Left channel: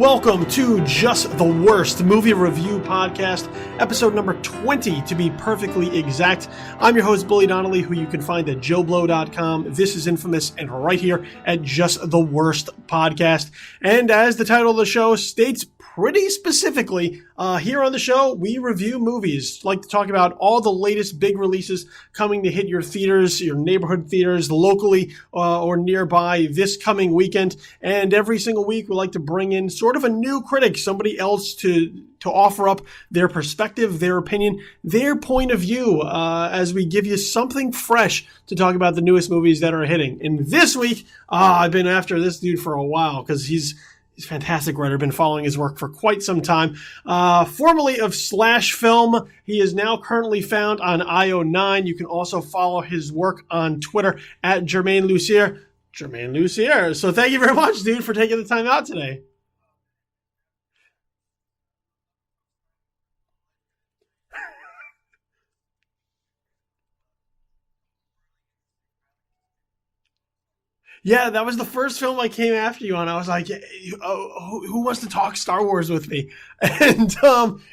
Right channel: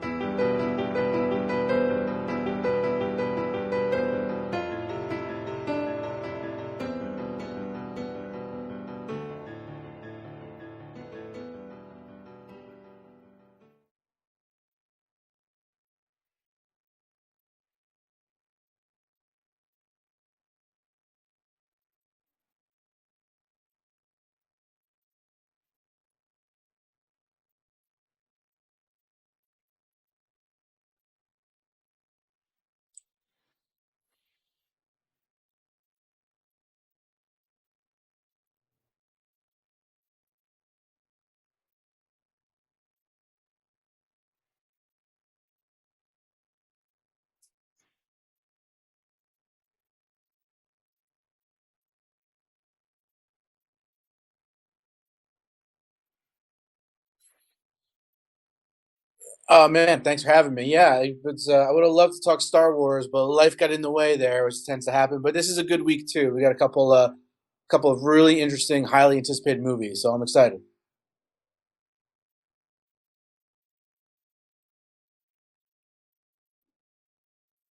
Welcome to Just the Worst Movie Review Podcast, episode number 20 to be perfectly exact. I'm your host, Bully Donnelly, who you can find at joeblow.com. This is Infamous, and right here at Just the Worst Podcast. And as the title of the show states pretty specifically, here on the show, we review movies. Like to talk about all the latest big releases coming to hit your theaters, your neighborhood theaters, locally or nearby this coming weekend. And every single week, we like to bring in sort of a new critic, somebody else to offer up their perspective, their opinion, their point of view, as we give you something fresh to talk about the newest movies that are hitting. And this week, I've been after this dude for a while because he's a fantastic writer. Been following his work for quite some time. Formerly of Slash Film, he is now currently found on IO9. You can also follow his work on Twitter at Germain Lussier. Germain Lussier. So thank you very much, dude, for taking the time out today. Oh, man, thanks for having me. Yeah, I would have loved to talk Star Wars, but life got in the way there, as tends to happen. But this is a good week, too. We got a couple of really interesting, highly anticipated movies, so I'm excited. Yeah, that was the first film I came after you on. I was like, who wants to talk Star Wars with me? And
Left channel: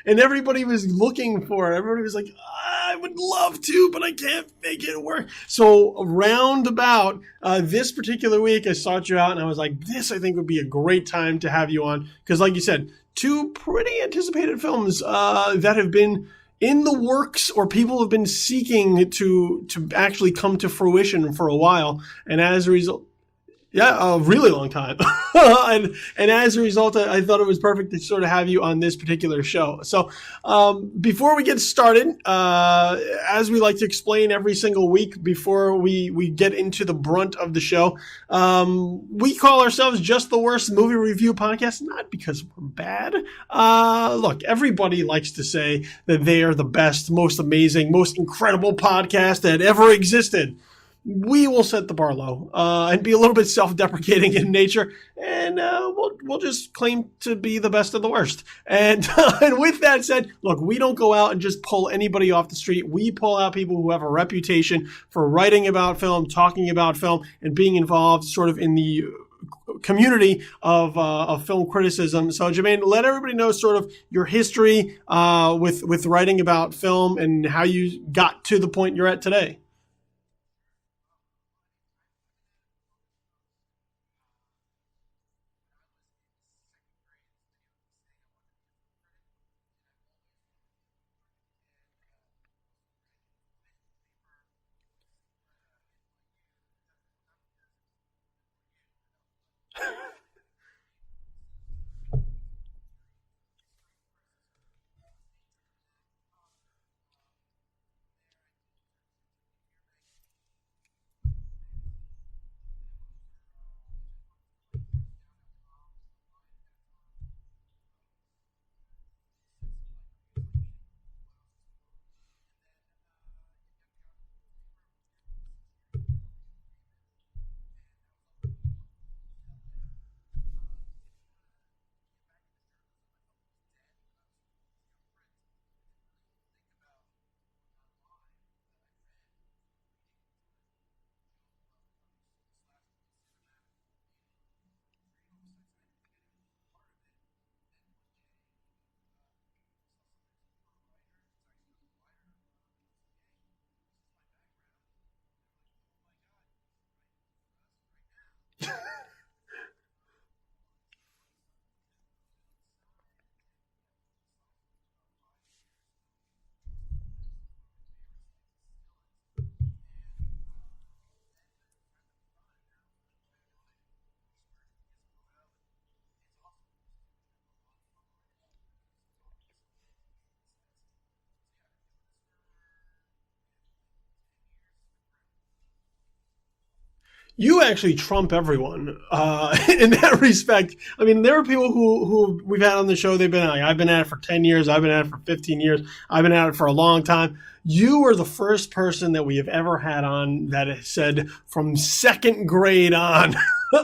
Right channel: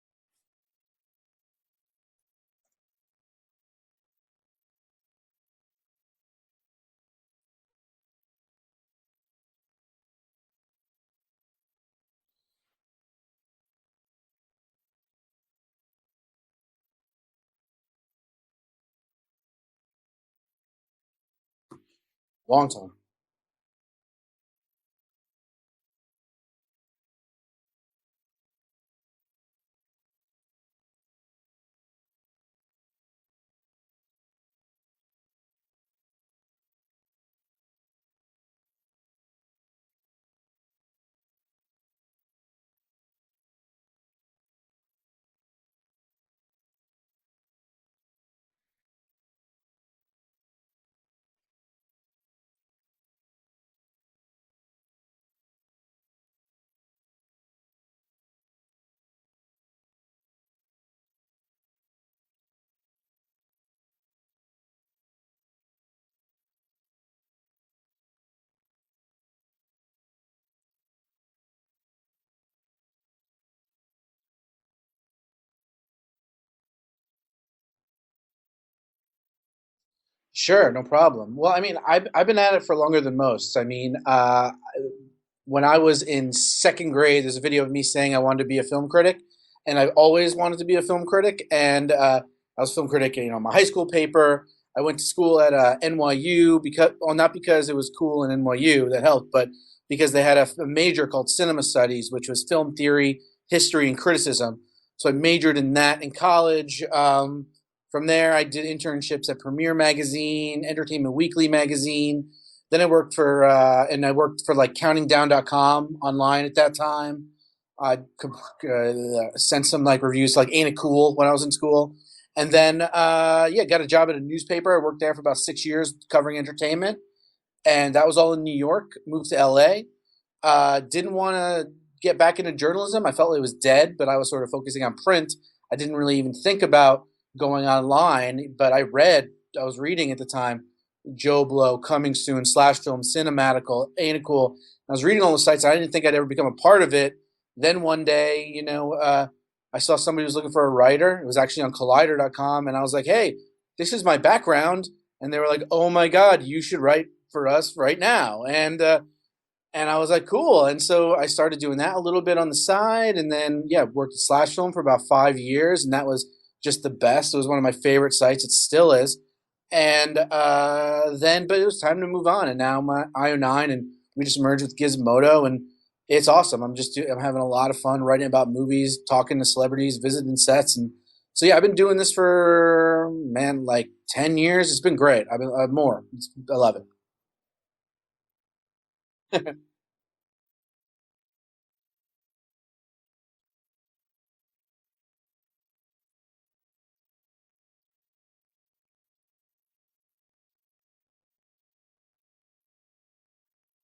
everybody was looking for it. Everybody was like, I would love to, but I can't make it work. So around about this particular week, I sought you out, and I was like, this, I think, would be a great time to have you on. Because like you said, two pretty anticipated films that have been in the works, or people have been seeking to actually come to fruition for a while. And as a result... Yeah, a really long time. and as a result, I thought it was perfect to sort of have you on this particular show. So before we get started, as we like to explain every single week before we get into the brunt of the show, we call ourselves Just the Worst Movie Review Podcast, not because we're bad. Look, everybody likes to say that they are the best, most amazing, most incredible podcast that ever existed. We will set the bar low and be a little bit self-deprecating in nature, and we'll just claim to be the best of the worst. And with that said, look, we don't go out and just pull anybody off the street. We pull out people who have a reputation for writing about film, talking about film, and being involved sort of in the community of film criticism. So, Germain, let everybody know sort of your history with writing about film and how you got to the point you're at today. Sure, no problem. Well, I mean, I've been at it for longer than most. I mean, when I was in second grade, there's a video of me saying I wanted to be a film critic, and I've always wanted to be a film critic. And I was a film critic, my high school paper. I went to school at NYU not because it was cool in NYU, that helped, but because they had a major called Cinema Studies, which was film theory, history, and criticism. So I majored in that in college. From there, I did internships at Premiere Magazine, Entertainment Weekly magazine. Then I worked for like CountingDown.com online at that time. I sent some like reviews like Ain't It Cool when I was in school. And then, got a job at a newspaper. I worked there for about 6 years covering entertainment. And that was all in New York. Moved to LA. Didn't want to get back into journalism. I felt it was dead, but I was sort of focusing on print. I didn't really even think about going online, but I was reading at the time, Joe Blow, Coming Soon, Slash Film, Cinematical, Ain't It Cool. I was reading all the sites. I didn't think I'd ever become a part of it. Then one day, I saw somebody who was looking for a writer. It was actually on Collider.com, and I was like, hey, this is my background. And they were like, oh my God, you should write for us right now. And I was like, cool. And so I started doing that a little bit on the side, and then, worked at Slash Film for about 5 years, and that was just the best. It was one of my favorite sites. It still is. And but it was time to move on. And now I'm at IO9, and we just merged with Gizmodo, and it's awesome. I'm having a lot of fun writing about movies, talking to celebrities, visiting sets. And so, I've been doing this for, like 10 years. It's been great. I love it. You actually trump everyone in that respect. I mean, there are people who we've had on the show. They've been like, I've been at it for 10 years. I've been at it for 15 years. I've been at it for a long time. You are the first person that we have ever had on that has said from second grade on,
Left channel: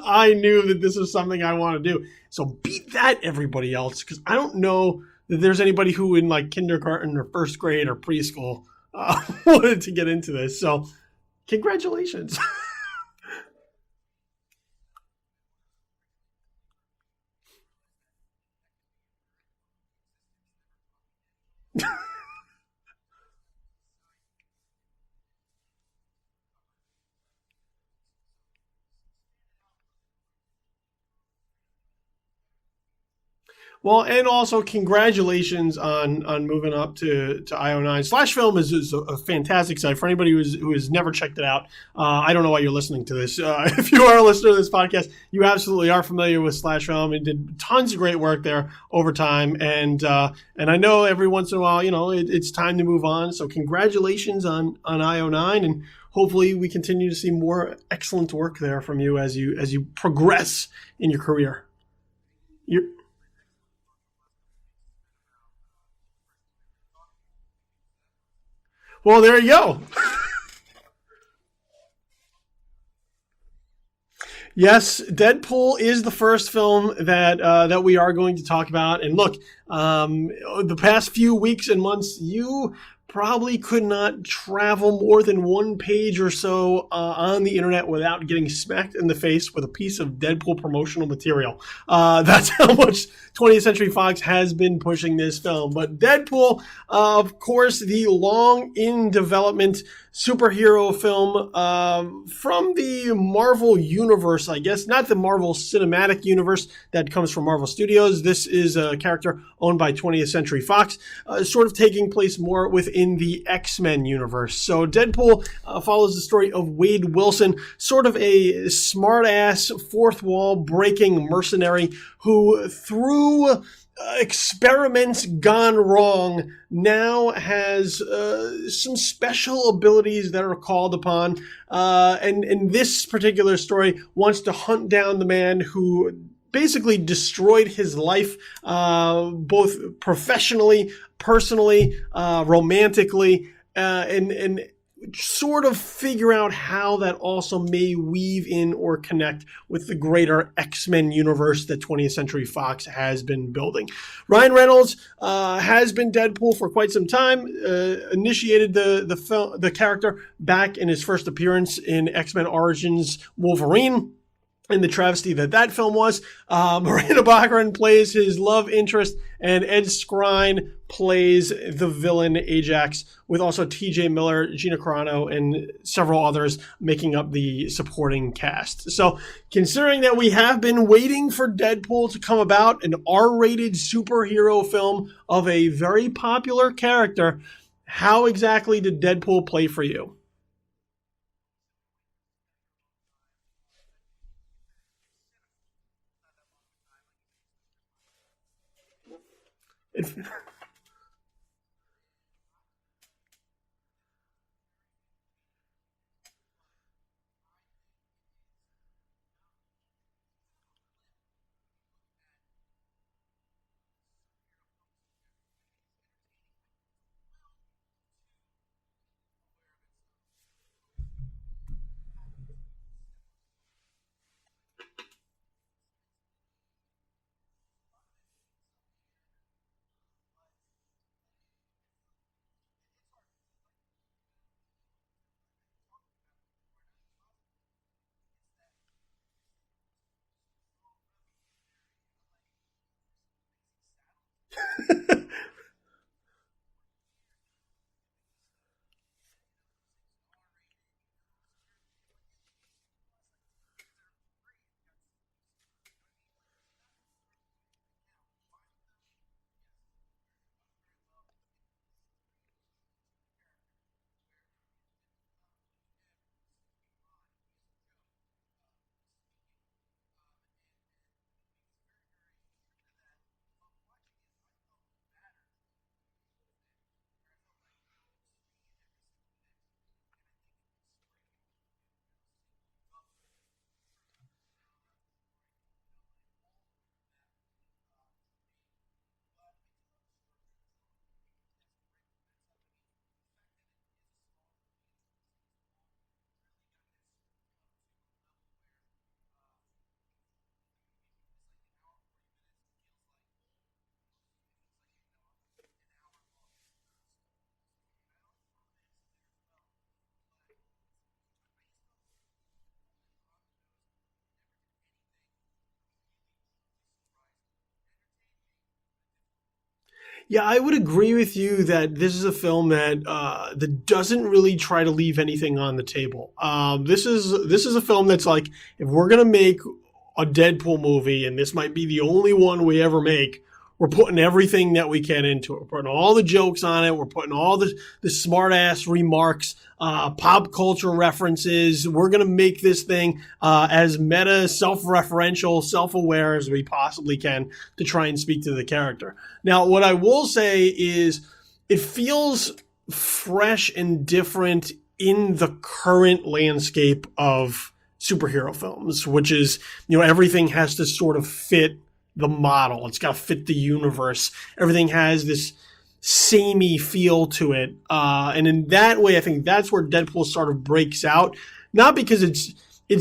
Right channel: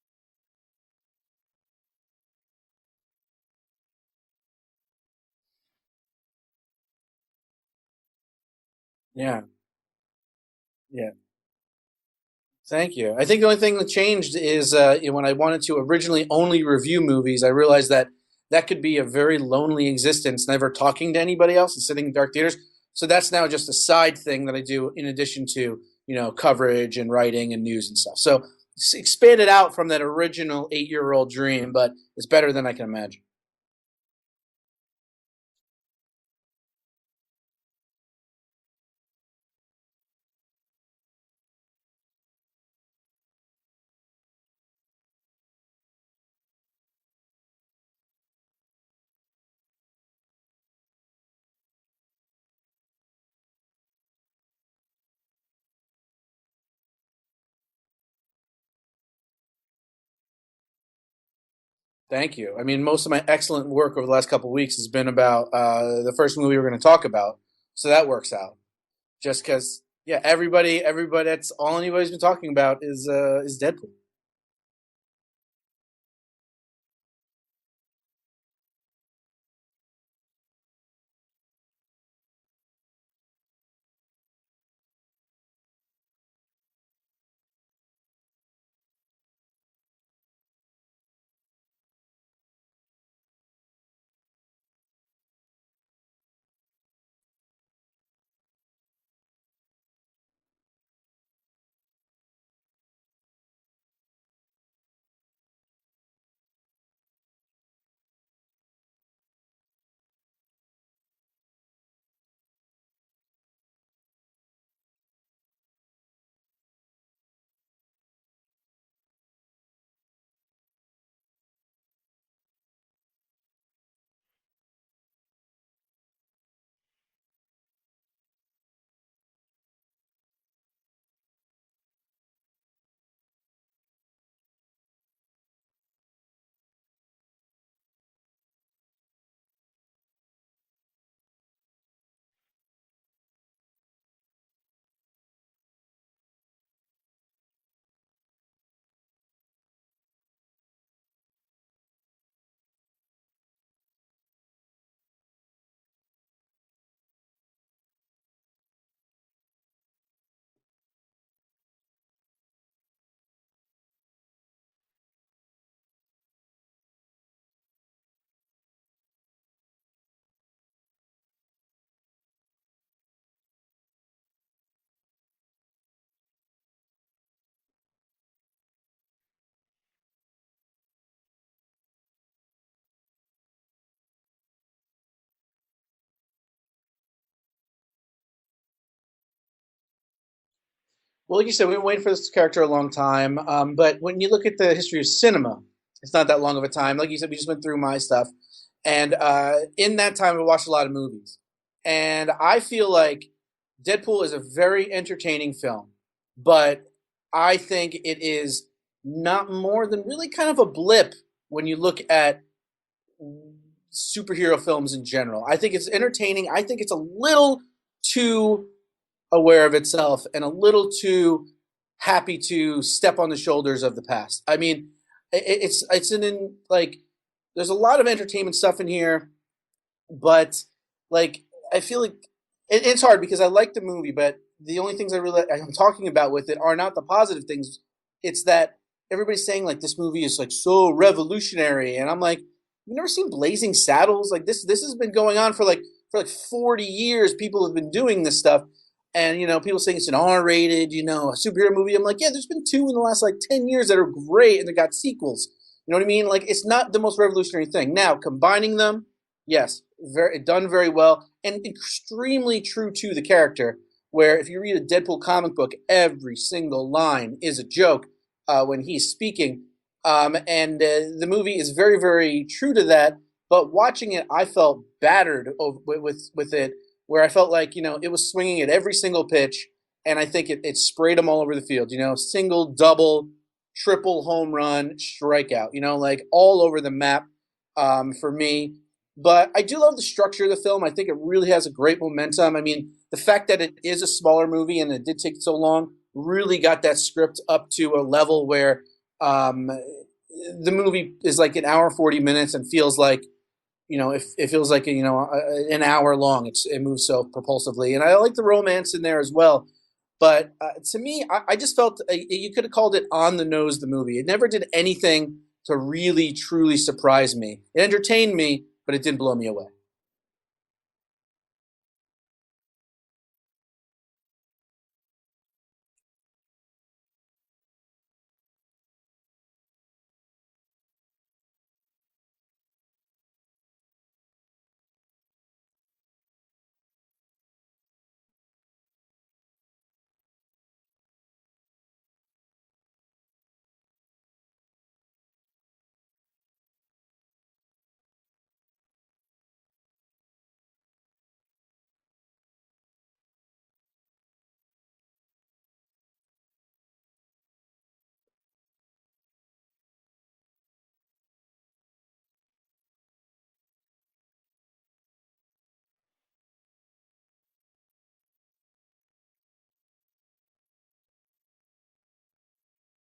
I knew that this is something I want to do. So beat that, everybody else, because I don't know that there's anybody who in like kindergarten or first grade or preschool wanted to get into this. So congratulations. Thank you. I think the only thing that changed is when I wanted to originally only review movies, I realized that that could be a very lonely existence, never talking to anybody else and sitting in dark theaters. So that's now just a side thing that I do in addition to, coverage and writing and news and stuff. So it's expanded out from that original 8-year-old dream, but it's better than I can imagine. Well, and also congratulations on moving up to IO9. Slash Film is a fantastic site for anybody who has never checked it out. I don't know why you're listening to this. If you are a listener to this podcast, you absolutely are familiar with Slash Film and did tons of great work there over time. And I know every once in a while, it's time to move on. So congratulations on IO9, and hopefully we continue to see more excellent work there from you as you progress in your career. Thank you. I mean, most of my excellent work over the last couple of weeks has been about the first movie we're going to talk about, so that works out. Well, there you go. Yeah, everybody. That's all anybody's been talking about is Deadpool. Yes, Deadpool is the first film that we are going to talk about. And look, the past few weeks and months, you probably could not travel more than one page or so on the internet without getting smacked in the face with a piece of Deadpool promotional material. That's how much 20th Century Fox has been pushing this film. But Deadpool, of course, the long in development superhero film from the Marvel universe, I guess. Not the Marvel Cinematic Universe that comes from Marvel Studios. This is a character owned by 20th Century Fox, sort of taking place more within the X-Men universe. So Deadpool follows the story of Wade Wilson, sort of a smart-ass, fourth wall breaking mercenary who, through experiments gone wrong, now has some special abilities that are called upon. And in this particular story, wants to hunt down the man who basically destroyed his life, both professionally, personally, romantically, and sort of figure out how that also may weave in or connect with the greater X-Men universe that 20th Century Fox has been building. Ryan Reynolds has been Deadpool for quite some time, initiated the character back in his first appearance in X-Men Origins Wolverine, in the travesty that film was. Miranda Bachran plays his love interest, and Ed Skrein plays the villain Ajax, with also T.J. Miller, Gina Carano, and several others making up the supporting cast. So considering that we have been waiting for Deadpool to come about, an R-rated superhero film of a very popular character, how exactly did Deadpool play for you? Well, like you said, we've been waiting for this character a long time. But when you look at the history of cinema, it's not that long of a time. Like you said, we just went through my stuff. And in that time, I watched a lot of movies. And I feel like Deadpool is a very entertaining film. But I think it is not more than really kind of a blip when you look at superhero films in general. I think it's entertaining. I think it's a little too aware of itself and a little too happy to step on the shoulders of the past. I mean, it's there's a lot of entertainment stuff in here, but like I feel like it's hard because I like the movie, but the only things I'm talking about with it are not the positive things. It's that everybody's saying like this movie is like so revolutionary, and I'm like, you've never seen Blazing Saddles? Like this has been going on for like 40 years. People have been doing this stuff. And, people saying it's an R-rated, a superhero movie. I'm like, yeah, there's been 2 in the last, 10 years that are great, and they got sequels. You know what I mean? Like, it's not the most revolutionary thing. Now, combining them, yes, done very well, and extremely true to the character, where if you read a Deadpool comic book, every single line is a joke when he's speaking. And the movie is very, very true to that. But watching it, I felt battered with it, where I felt like, it was swinging at every single pitch, and I think it sprayed them all over the field, single, double, triple home run, strikeout, all over the map for me. But I do love the structure of the film. I think it really has a great momentum. I mean, the fact that it is a smaller movie and it did take so long really got that script up to a level where the movie is like an hour, 40 minutes and feels like, it feels like, an hour long. It moves so propulsively. And I like the romance in there as well. But to me, I just felt you could have called it on the nose, the movie. It never did anything to really truly surprise me. It entertained me, but it didn't blow me away. Yeah, I would agree with you that this is a film that doesn't really try to leave anything on the table. This is a film that's like, if we're gonna make a Deadpool movie, and this might be the only one we ever make, we're putting everything that we can into it. We're putting all the jokes on it. We're putting all the smart ass remarks, pop culture references. We're gonna make this thing as meta, self-referential, self-aware as we possibly can to try and speak to the character. Now, what I will say is, it feels fresh and different in the current landscape of superhero films, which is, everything has to sort of fit the model. It's got to fit the universe. Everything has this samey feel to it. And in that way, I think that's where Deadpool sort of breaks out. Not because it's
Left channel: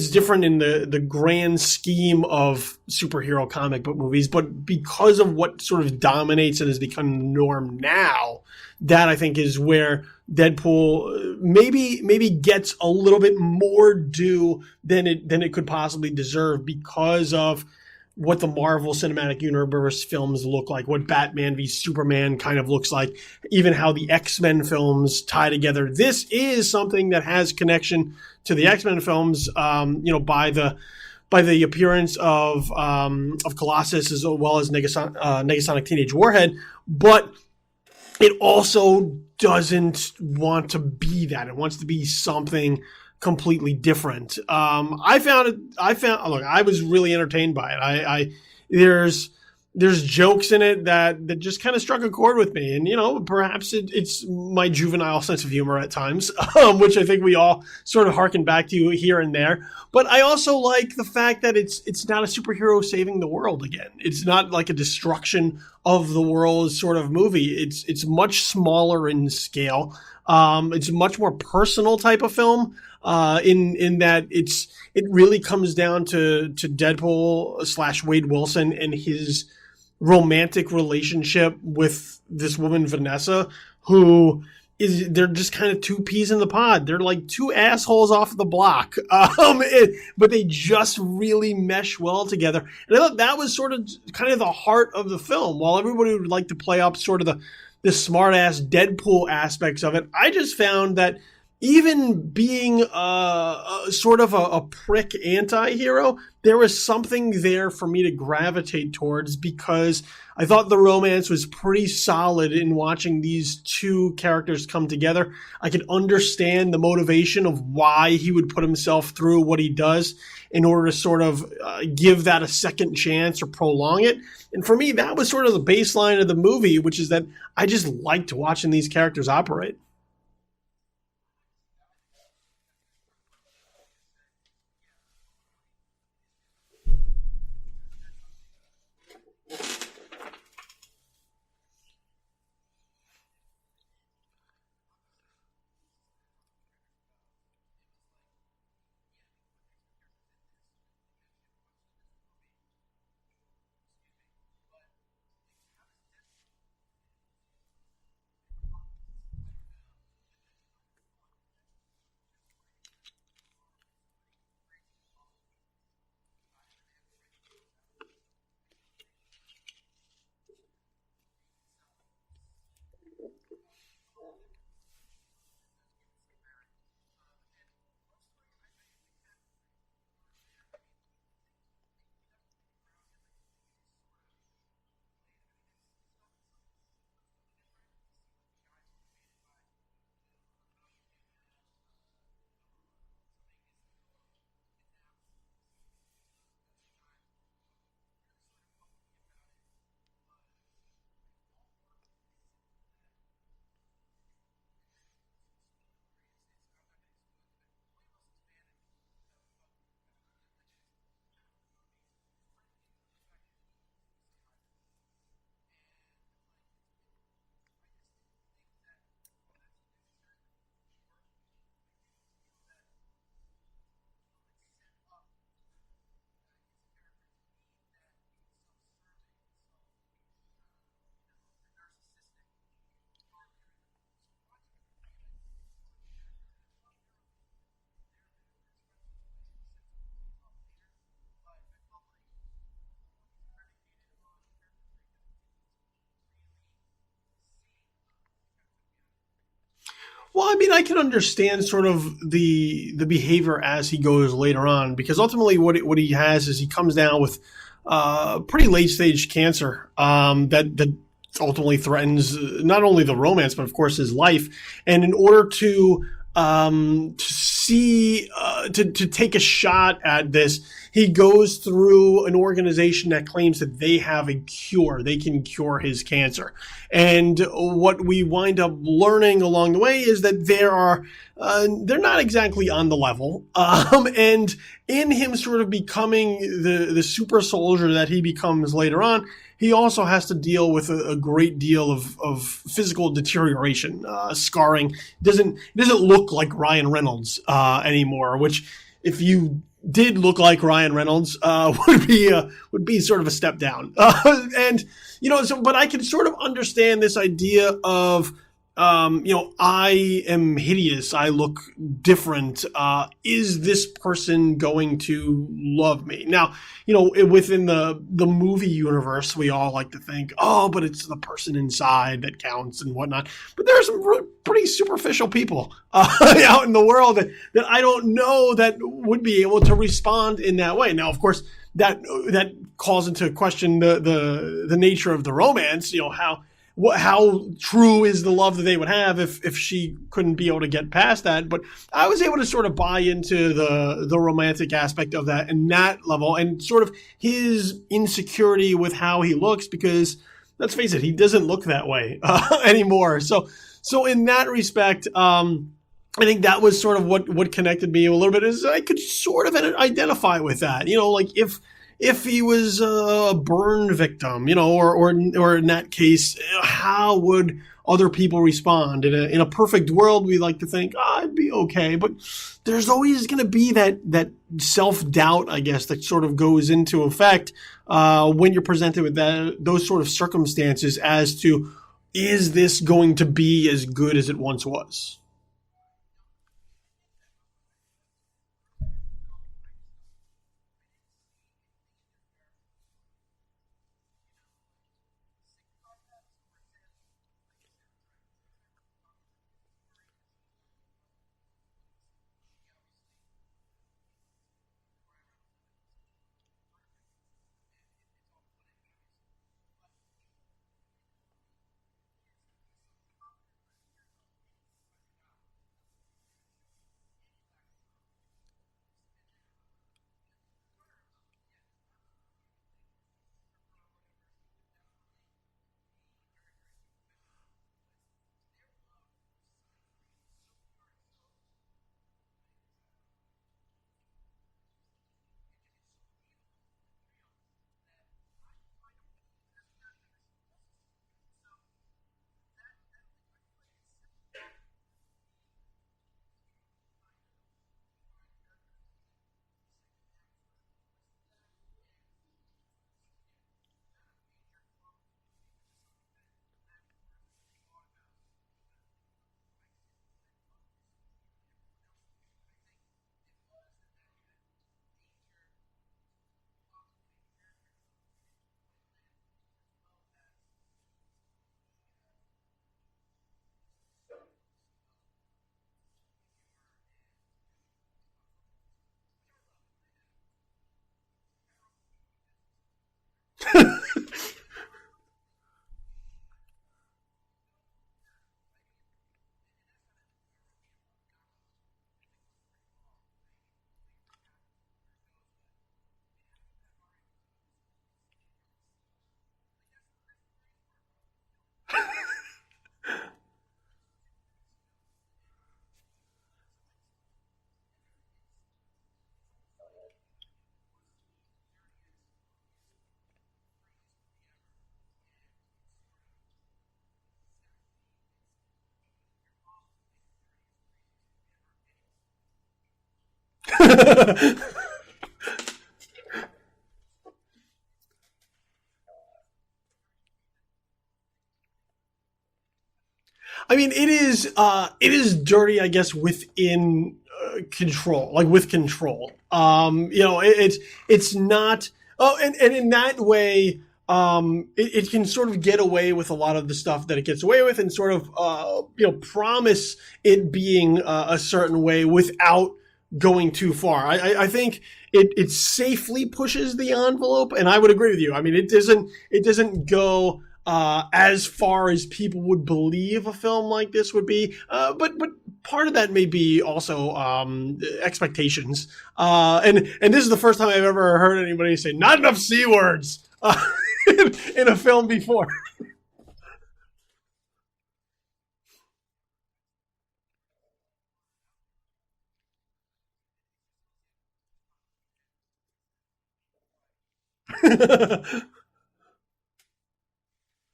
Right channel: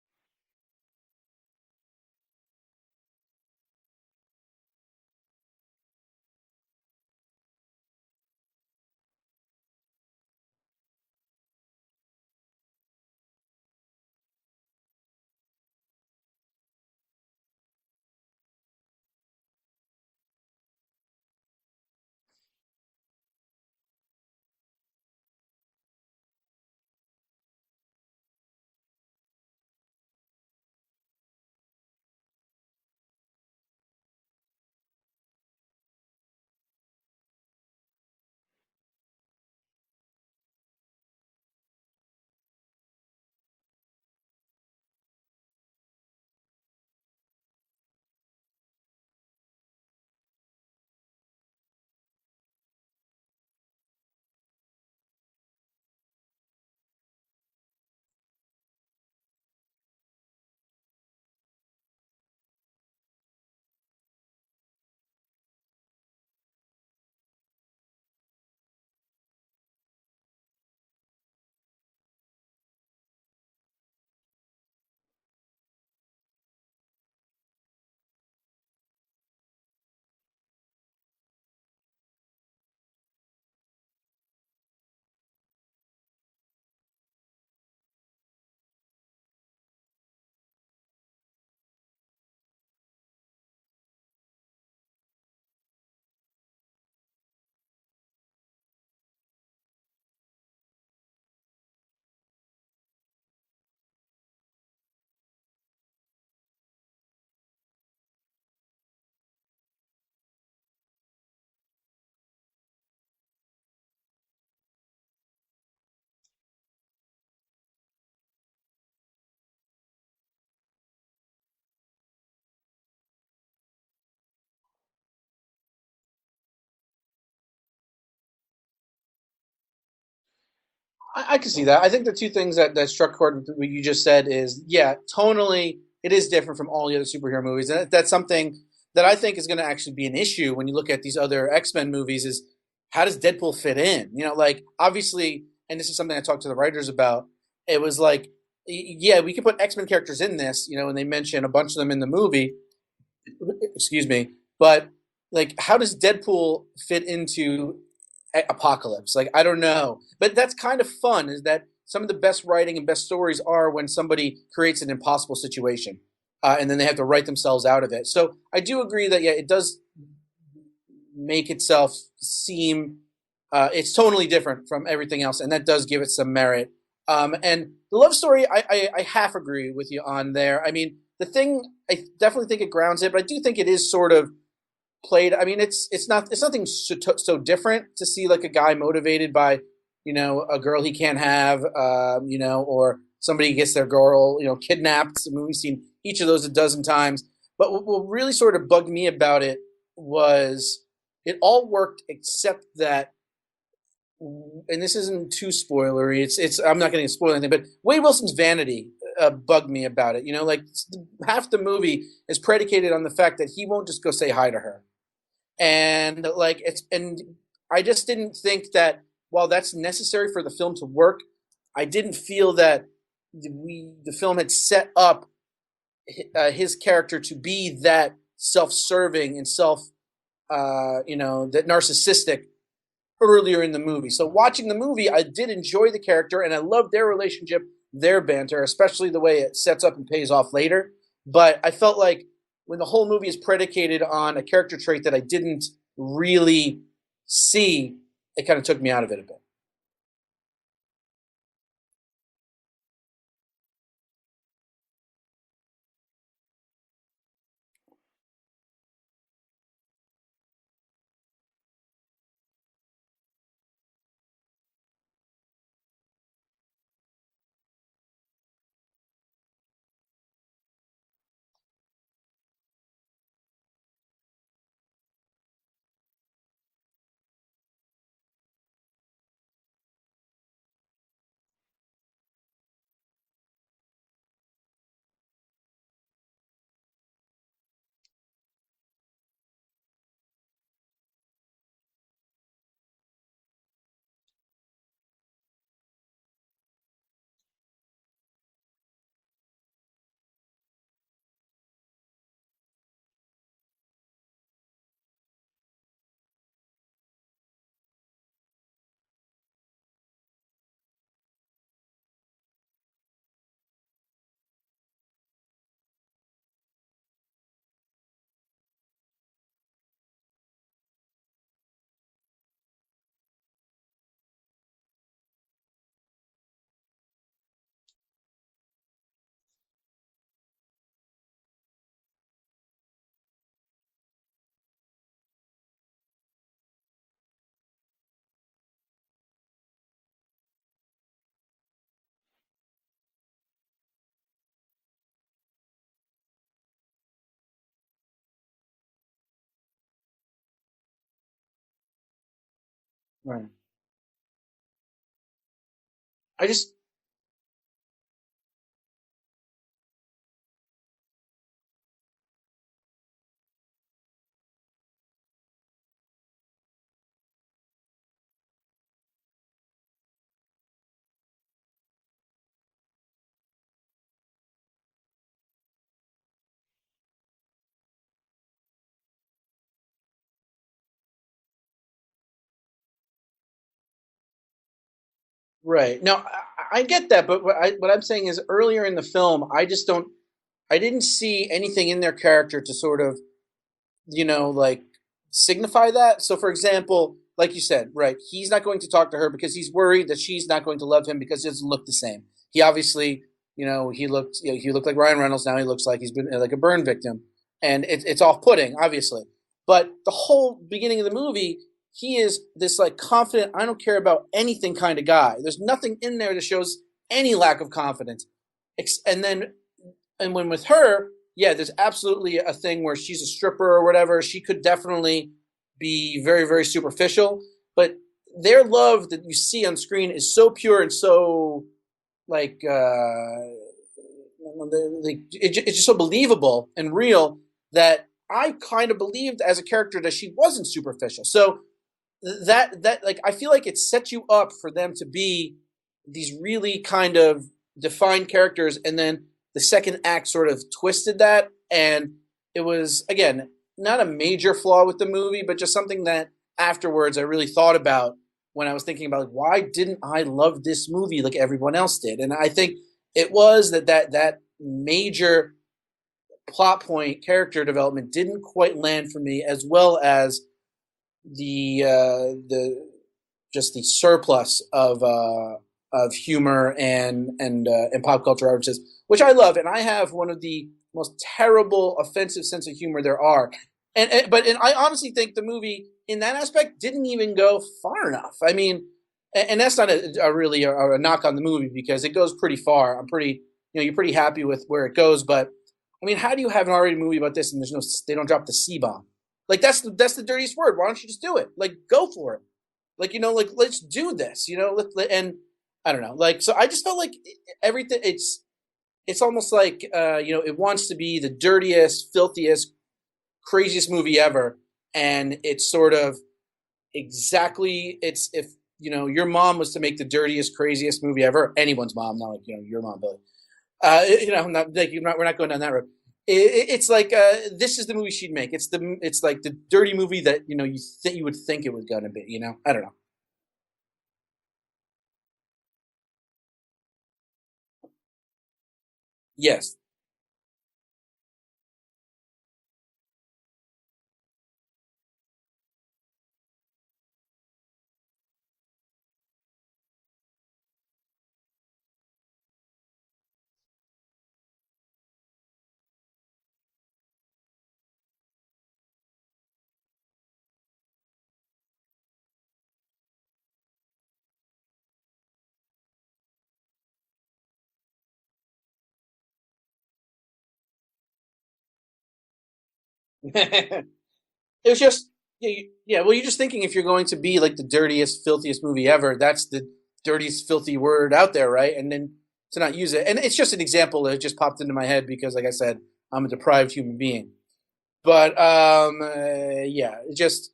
different in the grand scheme of superhero comic book movies, but because of what sort of dominates and has become the norm now. That, I think, is where Deadpool maybe gets a little bit more due than it could possibly deserve, because of what the Marvel Cinematic Universe films look like, what Batman v Superman kind of looks like, even how the X-Men films tie together. This is something that has connection to the X-Men films, by the appearance of Colossus, as well as Negasonic Teenage Warhead, but it also doesn't want to be that. It wants to be something completely different. Look, I was really entertained by it. There's jokes in it that just kind of struck a chord with me, and perhaps it's my juvenile sense of humor at times, which I think we all sort of harken back to here and there. But I also like the fact that it's not a superhero saving the world again. It's not like a destruction of the world sort of movie. It's much smaller in scale. It's a much more personal type of film. In that it really comes down to Deadpool / Wade Wilson and his romantic relationship with this woman Vanessa, who they're just kind of two peas in the pod. They're like two assholes off the block, but they just really mesh well together. And I thought that was sort of kind of the heart of the film. While everybody would like to play up sort of the smart ass Deadpool aspects of it, I just found that even being sort of a prick anti-hero, there was something there for me to gravitate towards, because I thought the romance was pretty solid in watching these two characters come together. I could understand the motivation of why he would put himself through what he does in order to sort of give that a second chance or prolong it. And for me, that was sort of the baseline of the movie, which is that I just liked watching these characters operate. I can see that. I think the two things that struck chord with what you just said is, yeah, tonally, it is different from all the other superhero movies. And that's something that I think is going to actually be an issue when you look at these other X-Men movies, is how does Deadpool fit in? Like, obviously, and this is something I talked to the writers about, it was like, yeah, we could put X-Men characters in this, and they mention a bunch of them in the movie, excuse me, but, like, how does Deadpool fit into Apocalypse? Like, I don't know, but that's kind of fun, is that some of the best writing and best stories are when somebody creates an impossible situation, and then they have to write themselves out of it. So I do agree that, yeah, it does make itself seem it's totally different from everything else, and that does give it some merit. And the love story, I half agree with you on there. I mean, the thing, I definitely think it grounds it, but I do think it is sort of played. I mean, it's nothing so different to see like a guy motivated by, a girl he can't have, or somebody gets their girl, kidnapped. I mean, we've seen each of those a dozen times. But what really sort of bugged me about it was it all worked except that, and this isn't too spoilery. It's I'm not going to spoil anything, but Wade Wilson's vanity bugged me about it. Like half the movie is predicated on the fact that he won't just go say hi to her. And I just didn't think that while that's necessary for the film to work, I didn't feel that the film had set up his character to be that self-serving and that narcissistic earlier in the movie. So watching the movie, I did enjoy the character and I loved their relationship, their banter, especially the way it sets up and pays off later. But I felt like when the whole movie is predicated on a character trait that I didn't really see, it kind of took me out of it a bit. Well, I mean, I can understand sort of the behavior as he goes later on, because ultimately what he has is he comes down with pretty late stage cancer that ultimately threatens not only the romance but of course his life. And in order to take a shot at this, he goes through an organization that claims that they have a cure. They can cure his cancer. And what we wind up learning along the way is that they're not exactly on the level. And in him sort of becoming the super soldier that he becomes later on, he also has to deal with a great deal of physical deterioration, scarring. Doesn't look like Ryan Reynolds anymore, which if you did look like Ryan Reynolds, would be sort of a step down. And but I can sort of understand this idea of I am hideous. I look different. Is this person going to love me? Now, within the movie universe, we all like to think, oh, but it's the person inside that counts and whatnot. But there are some pretty superficial people out in the world that I don't know that would be able to respond in that way. Now, of course, that calls into question the nature of the romance. How true is the love that they would have if she couldn't be able to get past that? But I was able to sort of buy into the romantic aspect of that and that level, and sort of his insecurity with how he looks, because let's face it, he doesn't look that way anymore. So in that respect, I think that was sort of what connected me a little bit, is I could sort of identify with that. Like if he was a burn victim, or in that case, how would other people respond? In a perfect world, we like to think, I'd be okay. But there's always going to be that self-doubt, I guess, that sort of goes into effect when you're presented with those sort of circumstances as to, is this going to be as good as it once was? Right. Now, I get that, but what I'm saying is earlier in the film, I didn't see anything in their character to sort of, like signify that. So, for example, like you said, right, he's not going to talk to her because he's worried that she's not going to love him because he doesn't look the same. He obviously, he looked like Ryan Reynolds. Now he looks like he's been like a burn victim, and it's off-putting, obviously. But the whole beginning of the movie, he is this like confident, I don't care about anything kind of guy. There's nothing in there that shows any lack of confidence, and when with her, yeah, there's absolutely a thing where she's a stripper or whatever. She could definitely be very, very superficial. But their love that you see on screen is so pure and so it's just so believable and real that I kind of believed as a character that she wasn't superficial. So that like, I feel like it sets you up for them to be these really kind of defined characters, and then the second act sort of twisted that, and it was, again, not a major flaw with the movie, but just something that afterwards I really thought about when I was thinking about, like, why didn't I love this movie like everyone else did? And I think it was that major plot point, character development didn't quite land for me, as well as the surplus of humor and pop culture references, which I love, and I have one of the most terrible, offensive sense of humor there are. But I honestly think the movie, in that aspect, didn't even go far enough. I mean, and that's not really a knock on the movie, because it goes pretty far. You're pretty happy with where it goes. But I mean, how do you have an R-rated movie about this and they don't drop the C-bomb? Like, that's the dirtiest word. Why don't you just do it? Like, go for it. Like, let's do this. And I don't know. Like, so I just felt like everything. It's almost like it wants to be the dirtiest, filthiest, craziest movie ever, and it's sort of exactly it's if your mom was to make the dirtiest, craziest movie ever. Anyone's mom, not like your mom, Billy. Not like we're not going down that road. It's like this is the movie she'd make. It's like the dirty movie that you would think it was gonna be. I don't know. I mean, it is dirty, I guess, within control, like with control. Yes. It's not Oh, and in that way, it can sort of get away with a lot of the stuff that it gets away with, and sort of promise it being a certain way without going too far. I think it safely pushes the envelope, and I would agree with you. I mean, it doesn't go as far as people would believe a film like this would be. But part of that may be also expectations. And this is the first time I've ever heard anybody say not enough c words in a film before. Yeah, well, you're just thinking if you're going to be like the dirtiest, filthiest movie ever, that's the dirtiest, filthy word out there, right? And then to not use it, and it's just an example that just popped into my head because, like I said, I'm a deprived human being. But yeah, just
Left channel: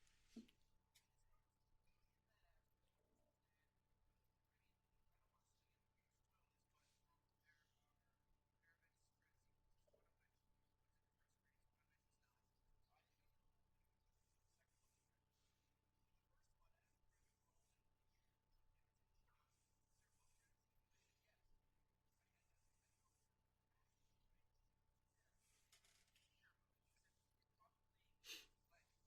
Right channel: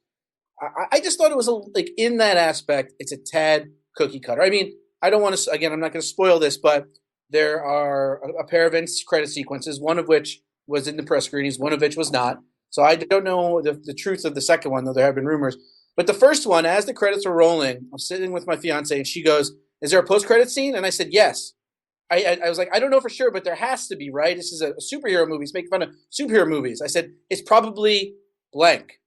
I just thought it was like in that aspect, it's a tad cookie cutter. I mean, I don't want to again, I'm not going to spoil this, but there are a pair of end credit sequences, one of which was in the press screenings, one of which was not. So I don't know the truth of the second one, though there have been rumors. But the first one, as the credits were rolling, I'm sitting with my fiance, and she goes, "Is there a post-credit scene?" And I said, "Yes." I was like, I don't know for sure, but there has to be, right? This is a superhero movie. It's making fun of superhero movies. I said, it's probably blank.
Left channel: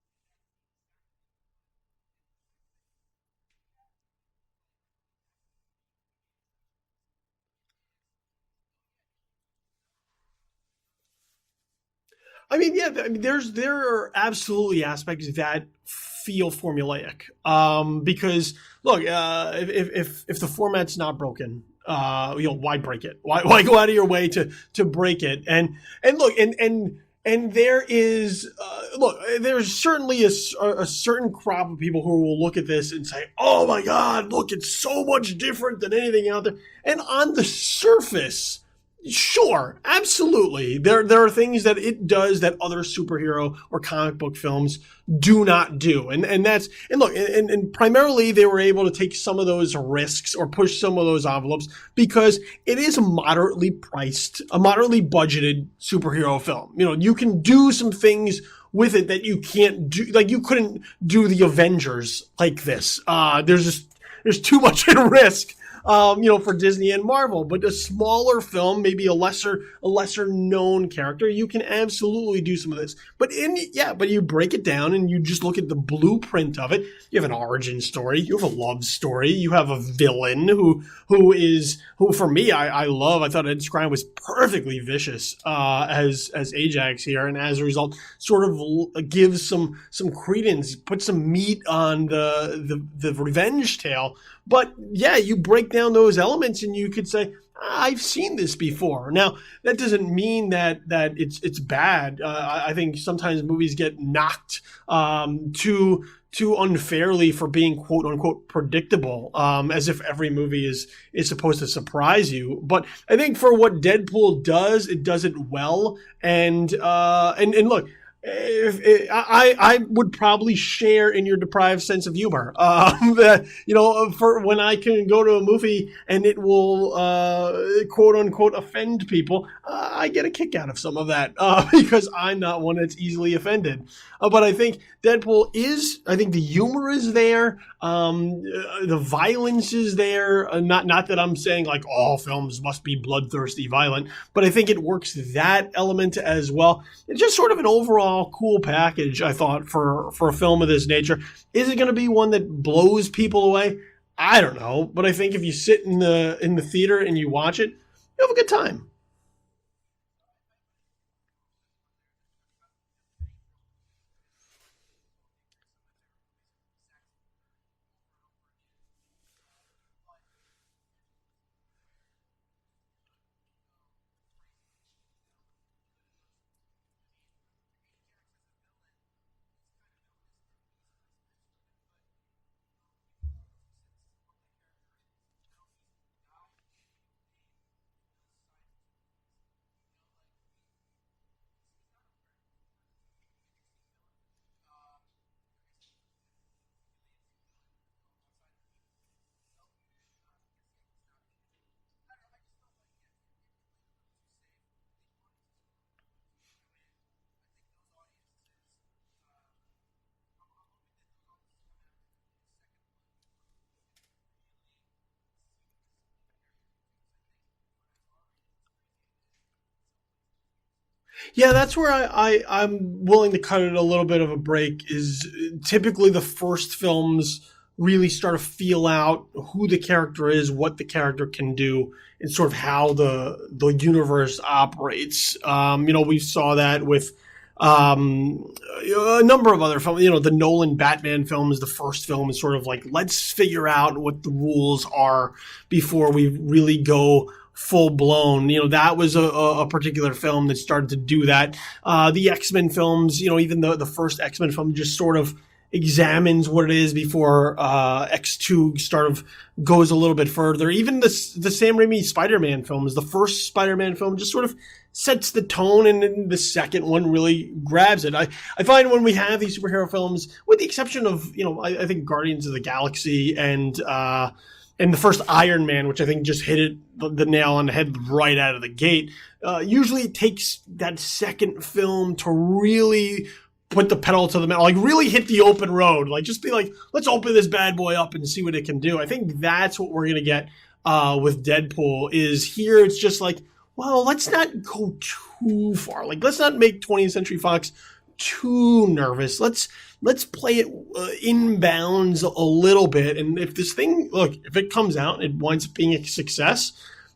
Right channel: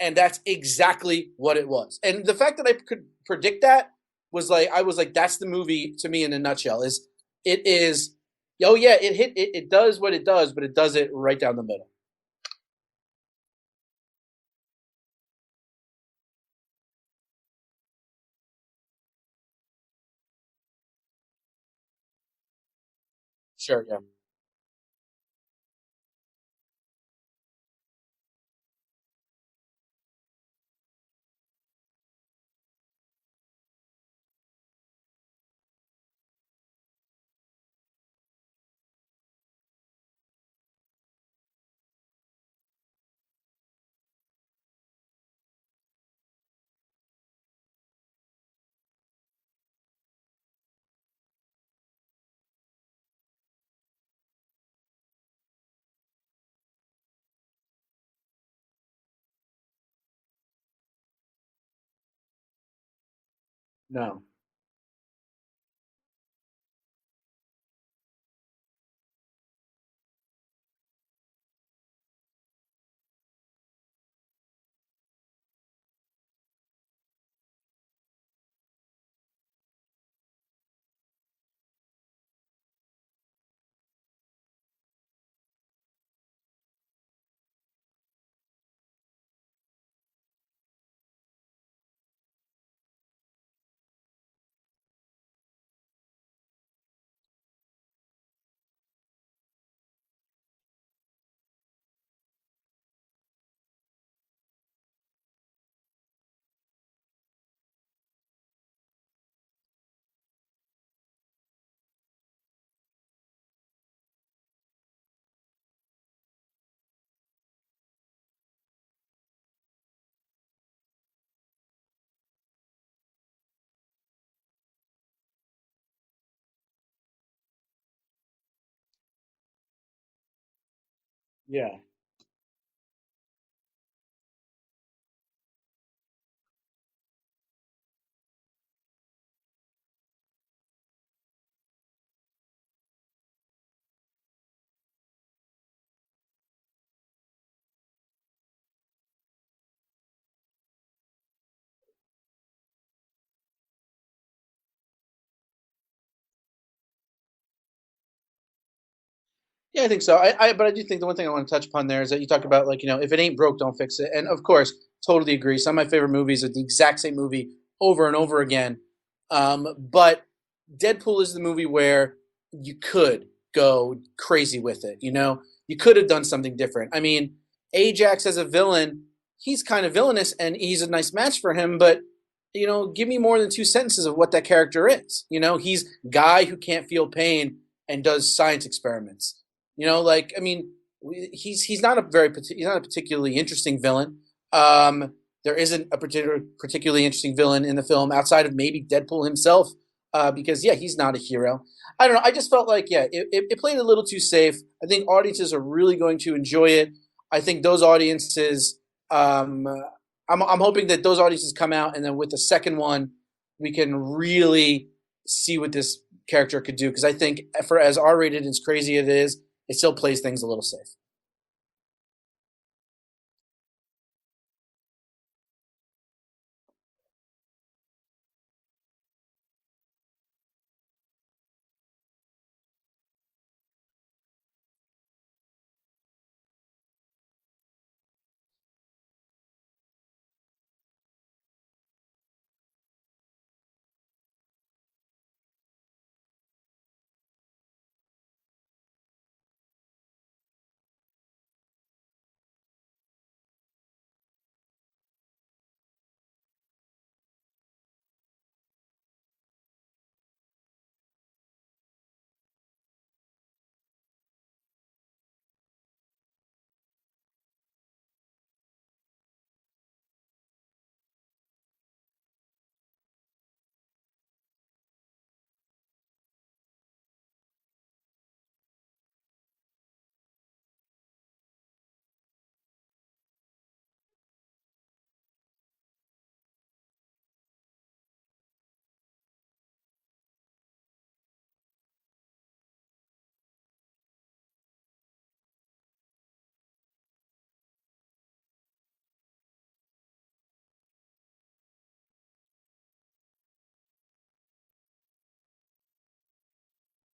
And that's exactly what it was. And the fact that I could predict that was like, I was like, that's the movie to me in a nutshell. It is, oh yeah, it does what it does, but it does it right down the middle. I mean, yeah, I mean, there are absolutely aspects that feel formulaic. Because look, if the format's not broken, why break it? Why go out of your way to break it? And look, and there is look, there's certainly a certain crop of people who will look at this and say, "Oh my God, look, it's so much different than anything out there." And on the surface, sure, absolutely. There are things that it does that other superhero or comic book films do not do. And that's and look, and primarily they were able to take some of those risks or push some of those envelopes because it is a moderately priced, a moderately budgeted superhero film. You know, you can do some things with it that you can't do, like you couldn't do the Avengers like this. There's too much at risk for Disney and Marvel. But a smaller film, maybe a lesser known character, you can absolutely do some of this. But you break it down and you just look at the blueprint of it. You have an origin story, you have a love story, you have a villain who for me I love. I thought Ed Skrein was perfectly vicious as Ajax here, and as a result, sort of gives some credence, puts some meat on the revenge tale. But yeah, you break down those elements and you could say, I've seen this before. Now, that doesn't mean that it's bad. I think sometimes movies get knocked too unfairly for being quote unquote predictable, as if every movie is supposed to surprise you. But I think for what Deadpool does, it does it well. And look, I would probably share in your deprived sense of humor. That for when I can go to a movie and it will quote unquote offend people, I get a kick out of some of that because I'm not one that's easily offended. But I think Deadpool is. I think the humor is there. The violence is there. Not that I'm saying like all films must be bloodthirsty violent, but I think it works that element as well. It's just sort of an overall cool package, I thought, for a film of this nature. Is it going to be one that blows people away? I don't know, but I think if you sit in the theater and you watch it, you have a good time. Yeah, I think so. But I do think the one thing I want to touch upon there is that you talked about like, if it ain't broke, don't fix it. And of course, totally agree. Some of my favorite movies are the exact same movie over and over again. But Deadpool is the movie where you could go crazy with it. You could have done something different. I mean, Ajax as a villain, he's kind of villainous and he's a nice match for him, but give me more than 2 sentences of what that character is. He's a guy who can't feel pain and does science experiments. He's not a particularly interesting villain. There isn't a particularly interesting villain in the film outside of maybe Deadpool himself, because he's not a hero. I don't know. I just felt like it played a little too safe. I think audiences are really going to enjoy it. I think those audiences, I'm hoping that those audiences come out, and then with the second one, we can really see what this character could do. Because I think for as R-rated and as crazy it is, it still plays things a little safe. Yeah, that's where I'm willing to cut it a little bit of a break. Is typically the first films really start to feel out who the character is, what the character can do, and sort of how the universe operates. We saw that with a number of other films. The Nolan Batman film is the first film is sort of like, let's figure out what the rules are before we really go full blown. That was a particular film that started to do that. The X-Men films, even the first X-Men film just sort of examines what it is before X2 sort of goes a little bit further. Even the Sam Raimi Spider-Man films, the first Spider-Man film just sort of sets the tone, and then the second one really grabs it. I find when we have these superhero films, with the exception of, I think Guardians of the Galaxy and the first Iron Man, which I think just hit the nail on the head right out of the gate, usually it takes that second film to really put the pedal to the metal, like really hit the open road, like just be like, let's open this bad boy up and see what it can do. I think that's what we're going to get with Deadpool. Is here it's just like, well, let's not go too far. Like, let's not make 20th Century Fox too nervous. Let's play it in bounds a little bit. And if this thing, if it comes out and it winds up being a success,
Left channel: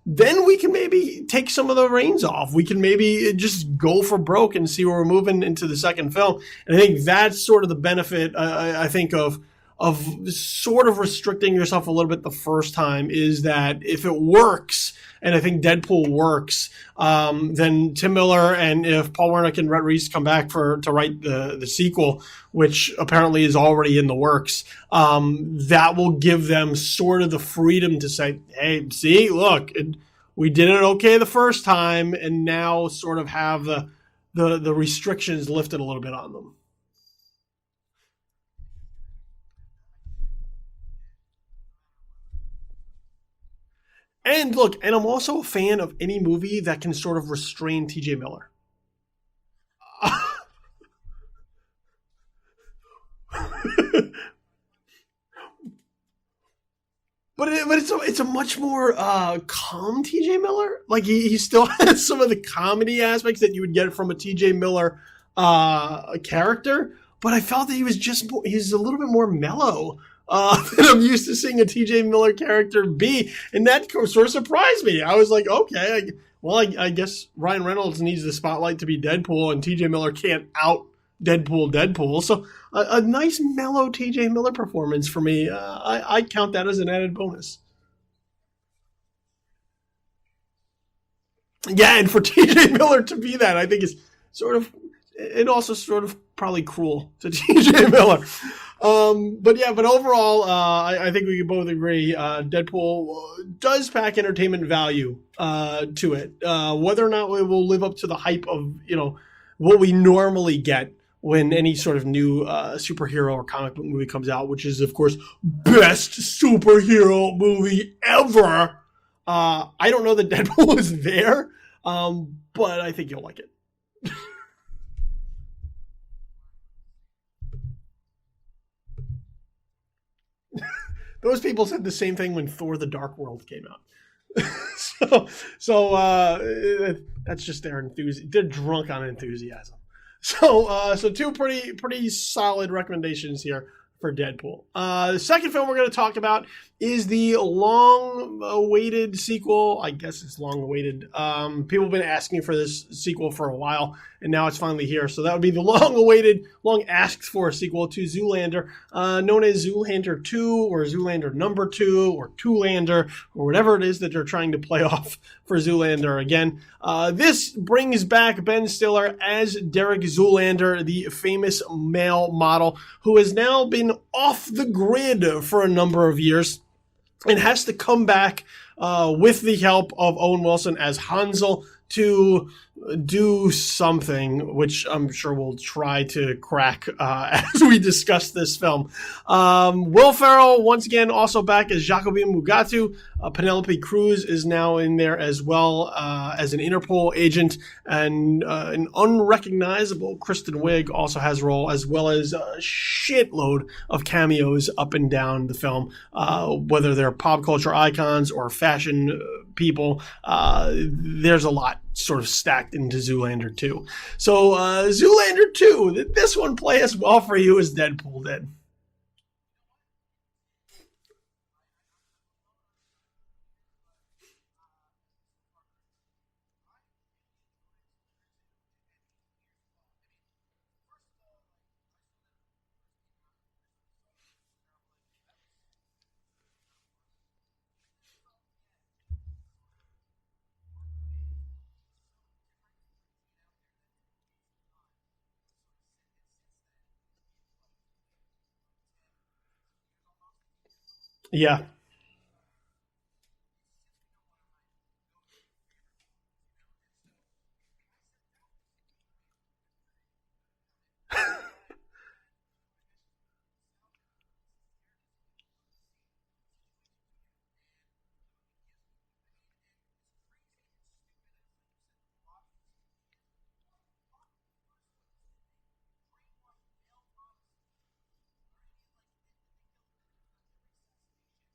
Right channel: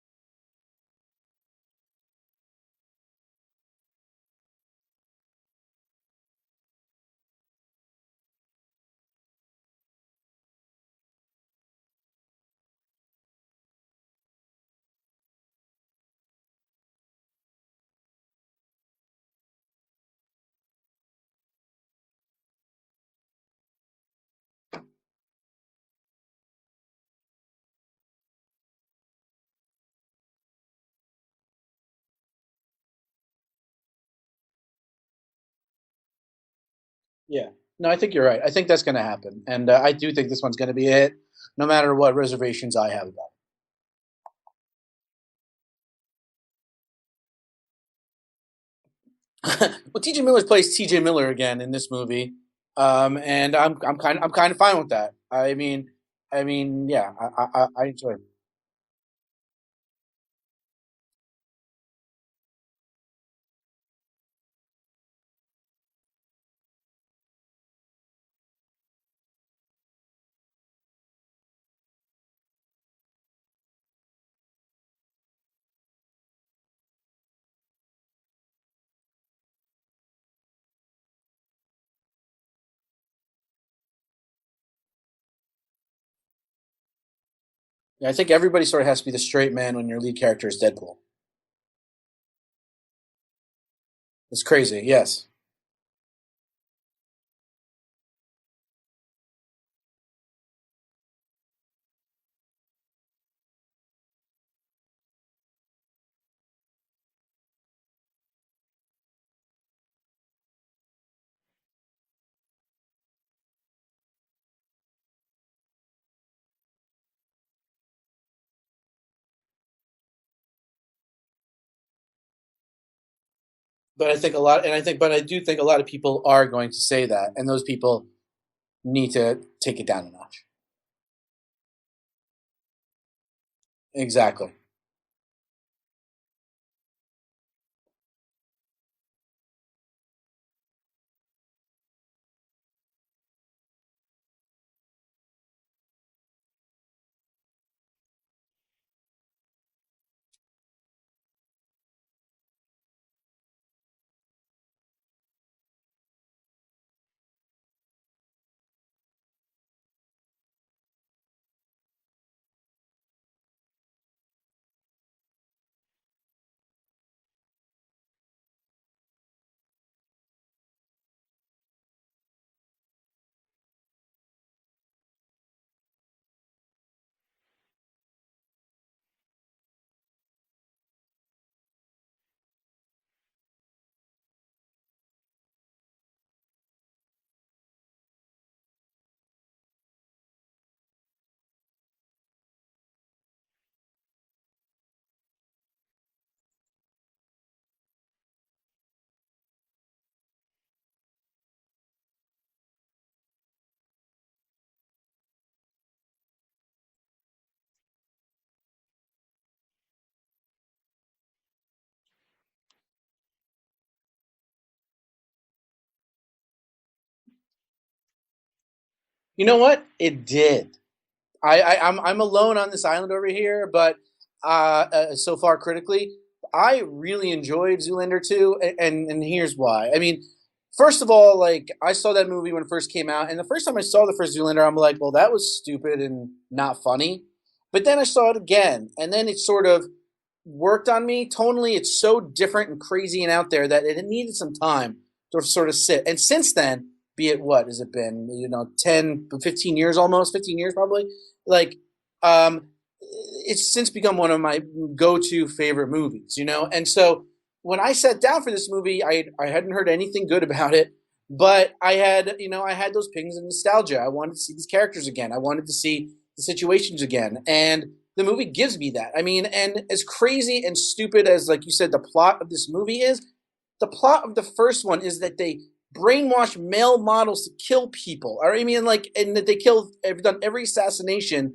then we can maybe take some of the reins off. We can maybe just go for broke and see where we're moving into the second film. And I think that's sort of the benefit, I think, of sort of restricting yourself a little bit the first time, is that if it works, and I think Deadpool works, then Tim Miller, and if Paul Wernick and Rhett Reese come back to write the sequel, which apparently is already in the works, that will give them sort of the freedom to say, hey, see, look, we did it okay the first time, and now sort of have the restrictions lifted a little bit on them. Yeah. No, I think you're right. I think that's going to happen. And I do think this one's going to be a hit, no matter what reservations I have about it. And look, and I'm also a fan of any movie that can sort of restrain T.J. Miller. Well, T.J. Miller plays T.J. Miller again in this movie, and I'm kind of fine with that. I mean, yeah. It's a much more calm T.J. Miller. Like he still has some of the comedy aspects that you would get from a T.J. Miller character, but I felt that he's a little bit more mellow than I'm used to seeing a T.J. Miller character be, and that sort of surprised me. I was like, okay, I guess Ryan Reynolds needs the spotlight to be Deadpool, and T.J. Miller can't out Deadpool. So a nice mellow T.J. Miller performance for me. I count that as an added bonus. Yeah, I think everybody sort of has to be the straight man when your lead character is Deadpool. Yeah, and for T.J. Miller to be that, I think it's crazy. Yes, and also sort of probably cruel to T.J. Miller. But overall, I think we can both agree Deadpool does pack entertainment value to it. Whether or not it will live up to the hype of what we normally get when any sort of new superhero or comic book movie comes out, which is of course best superhero movie ever. I don't know that Deadpool is there, but I think you'll like it. But I do think a lot of people are going to say that, and those people need to take it down a notch. Those people said the same thing when Thor: The Dark World came out. Exactly. so that's just their enthusiasm. They're drunk on enthusiasm. So two pretty solid recommendations here for Deadpool. The second film we're going to talk about is the long-awaited sequel. I guess it's long-awaited. People have been asking for this sequel for a while, and now it's finally here. So that would be the long-awaited, long-asked-for sequel to Zoolander, known as Zoolander 2 or Zoolander number 2 or Toolander or whatever it is that they're trying to play off for Zoolander again. This brings back Ben Stiller as Derek Zoolander, the famous male model who has now been off the grid for a number of years and has to come back with the help of Owen Wilson as Hansel to do something, which I'm sure we'll try to crack as we discuss this film. Will Ferrell, once again, also back as Jacobin Mugatu. Penelope Cruz is now in there as well as an Interpol agent, and an unrecognizable Kristen Wiig also has a role, as well as a shitload of cameos up and down the film, whether they're pop culture icons or fashion people. There's a lot sort of stacked into Zoolander 2. So Zoolander 2, did this one play as well for you as Deadpool did? You know what? It did. I'm alone on this island over here, but so far critically, I really enjoyed Zoolander 2, and here's why. I mean, first of all, like, I saw that movie when it first came out, and the first time I saw the first Zoolander, I'm like, well, that was stupid and not funny. But then I saw it again, and then it sort of worked on me. Tonally, it's so different and crazy and out there that it needed some time to sort of sit. And since then, be it what has it been, 10 15 years, almost 15 years probably, Yeah. like it's since become one of my go-to favorite movies, and so when I sat down for this movie, I hadn't heard anything good about it, but I had those pings of nostalgia. I wanted to see these characters again. I wanted to see the situations again, and the movie gives me that. I mean, and as crazy and stupid as, like you said, the plot of this movie is, the plot of the first one is that they brainwash male models to kill people. Or, I mean, like, and that they done every assassination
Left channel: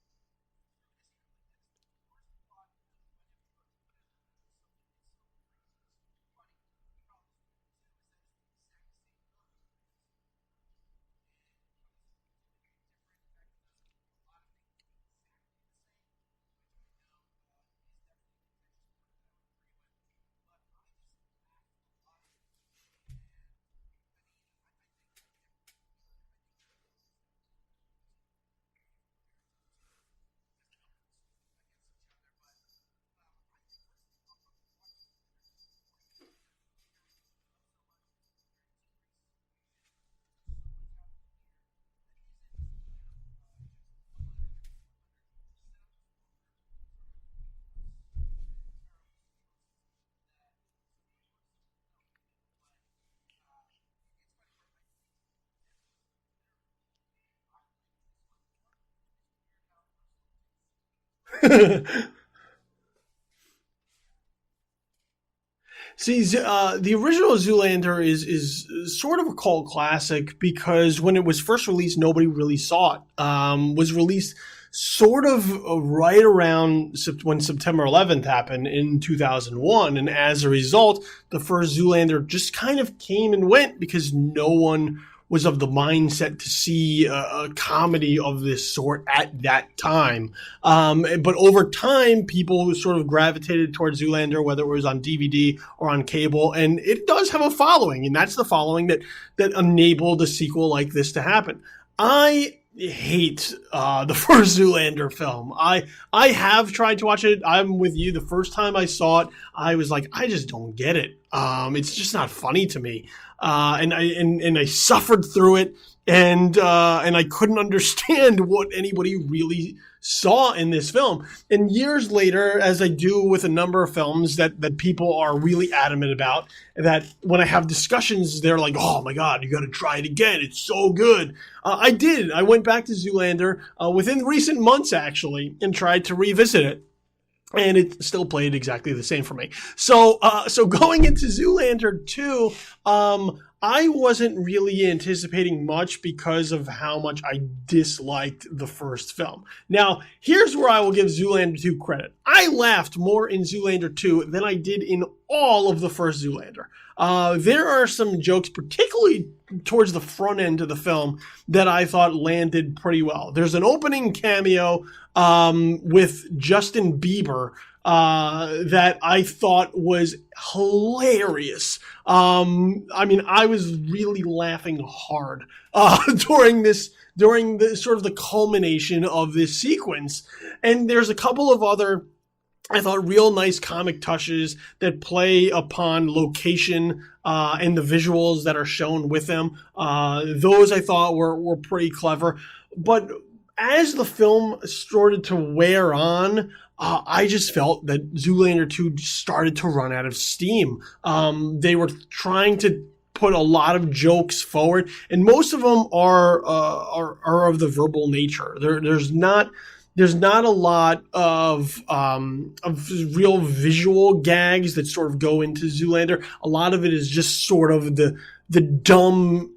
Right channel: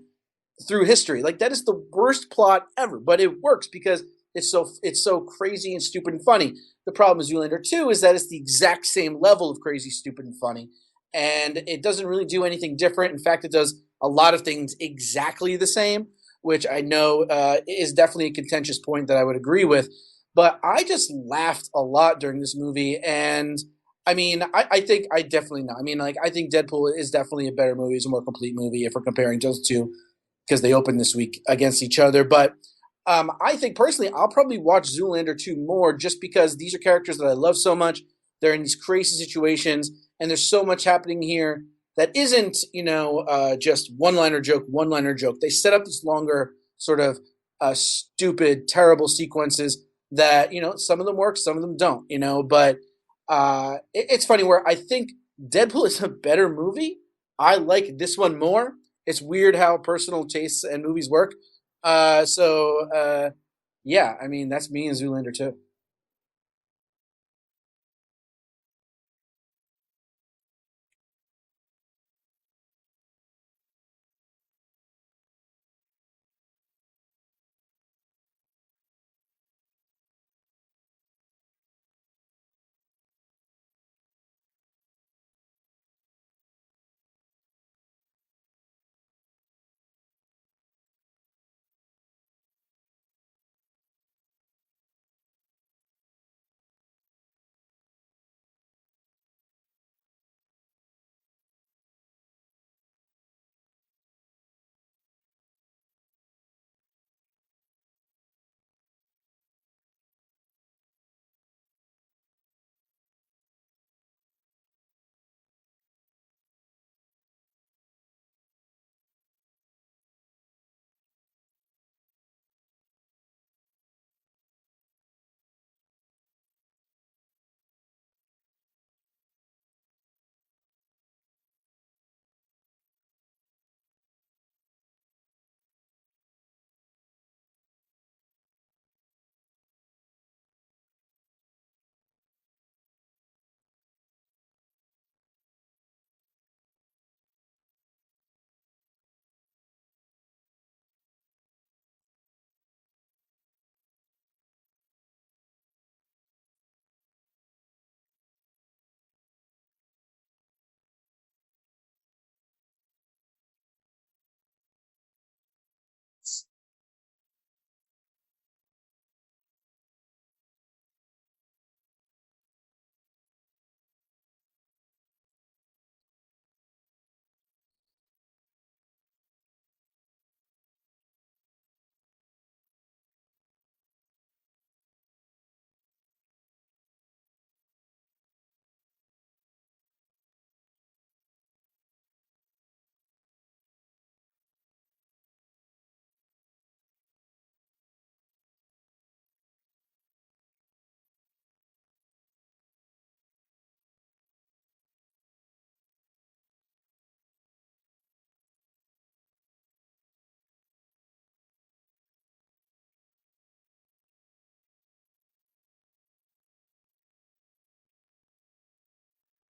through history. Like, that is the worst plot ever, but it works because it's so crazy and stupid and funny. The problem with Zoolander 2 is that it's the exact same level of crazy, stupid, and funny, and it doesn't really do anything different. In fact, it does a lot of things exactly the same, which I know is definitely a contentious point that I would agree with. But I just laughed a lot during this movie, and I mean, I think I definitely know. I mean, like, I think Deadpool is definitely a better movie. It's a more complete movie if we're comparing those two, because they opened this week against each other. But I think personally, I'll probably watch Zoolander 2 more just because these are characters that I love so much. They're in these crazy situations, and there's so much happening here that isn't, just one-liner joke. They set up this longer sort of stupid, terrible sequences that, some of them work, some of them don't, but it's funny where I think Deadpool is a better movie. I like this one more. It's weird how personal tastes and movies work. Yeah, I mean, that's me and Zoolander too. See, the original Zoolander is sort of a cult classic because when it was first released, nobody really saw it. Was released sort of right around when September 11th happened in 2001. And as a result, the first Zoolander just kind of came and went because no one was of the mindset to see a comedy of this sort at that time. But over time, people sort of gravitated towards Zoolander, whether it was on DVD or on cable, and it does have a following, and that's the following that enabled a sequel like this to happen. I hate the first Zoolander film. I have tried to watch it. I'm with you. The first time I saw it, I was like, I just don't get it. It's just not funny to me. And I suffered through it, and I couldn't understand what anybody really saw in this film. And years later, as I do with a number of films that people are really adamant about, that when I have discussions, they're like, oh my God, you got to try it again. It's so good. I did. I went back to Zoolander within recent months, actually, and tried to revisit it. And it still played exactly the same for me. So going into Zoolander 2, I wasn't really anticipating much because of how much I disliked the first film. Now, here's where I will give Zoolander 2 credit. I laughed more in Zoolander 2 than I did in all of the first Zoolander. There are some jokes, particularly towards the front end of the film, that I thought landed pretty well. There's an opening cameo with Justin Bieber that I thought was hilarious. I mean, I was really laughing hard during the sort of the culmination of this sequence. And there's a couple of other, I thought, real nice comic touches that play upon location and the visuals that are shown with them. Those I thought were pretty clever. But as the film started to wear on, I just felt that Zoolander 2 started to run out of steam. They were trying to put a lot of jokes forward, and most of them are of the verbal nature. There's not There's not a lot of real visual gags that sort of go into Zoolander. A lot of it is just sort of the dumb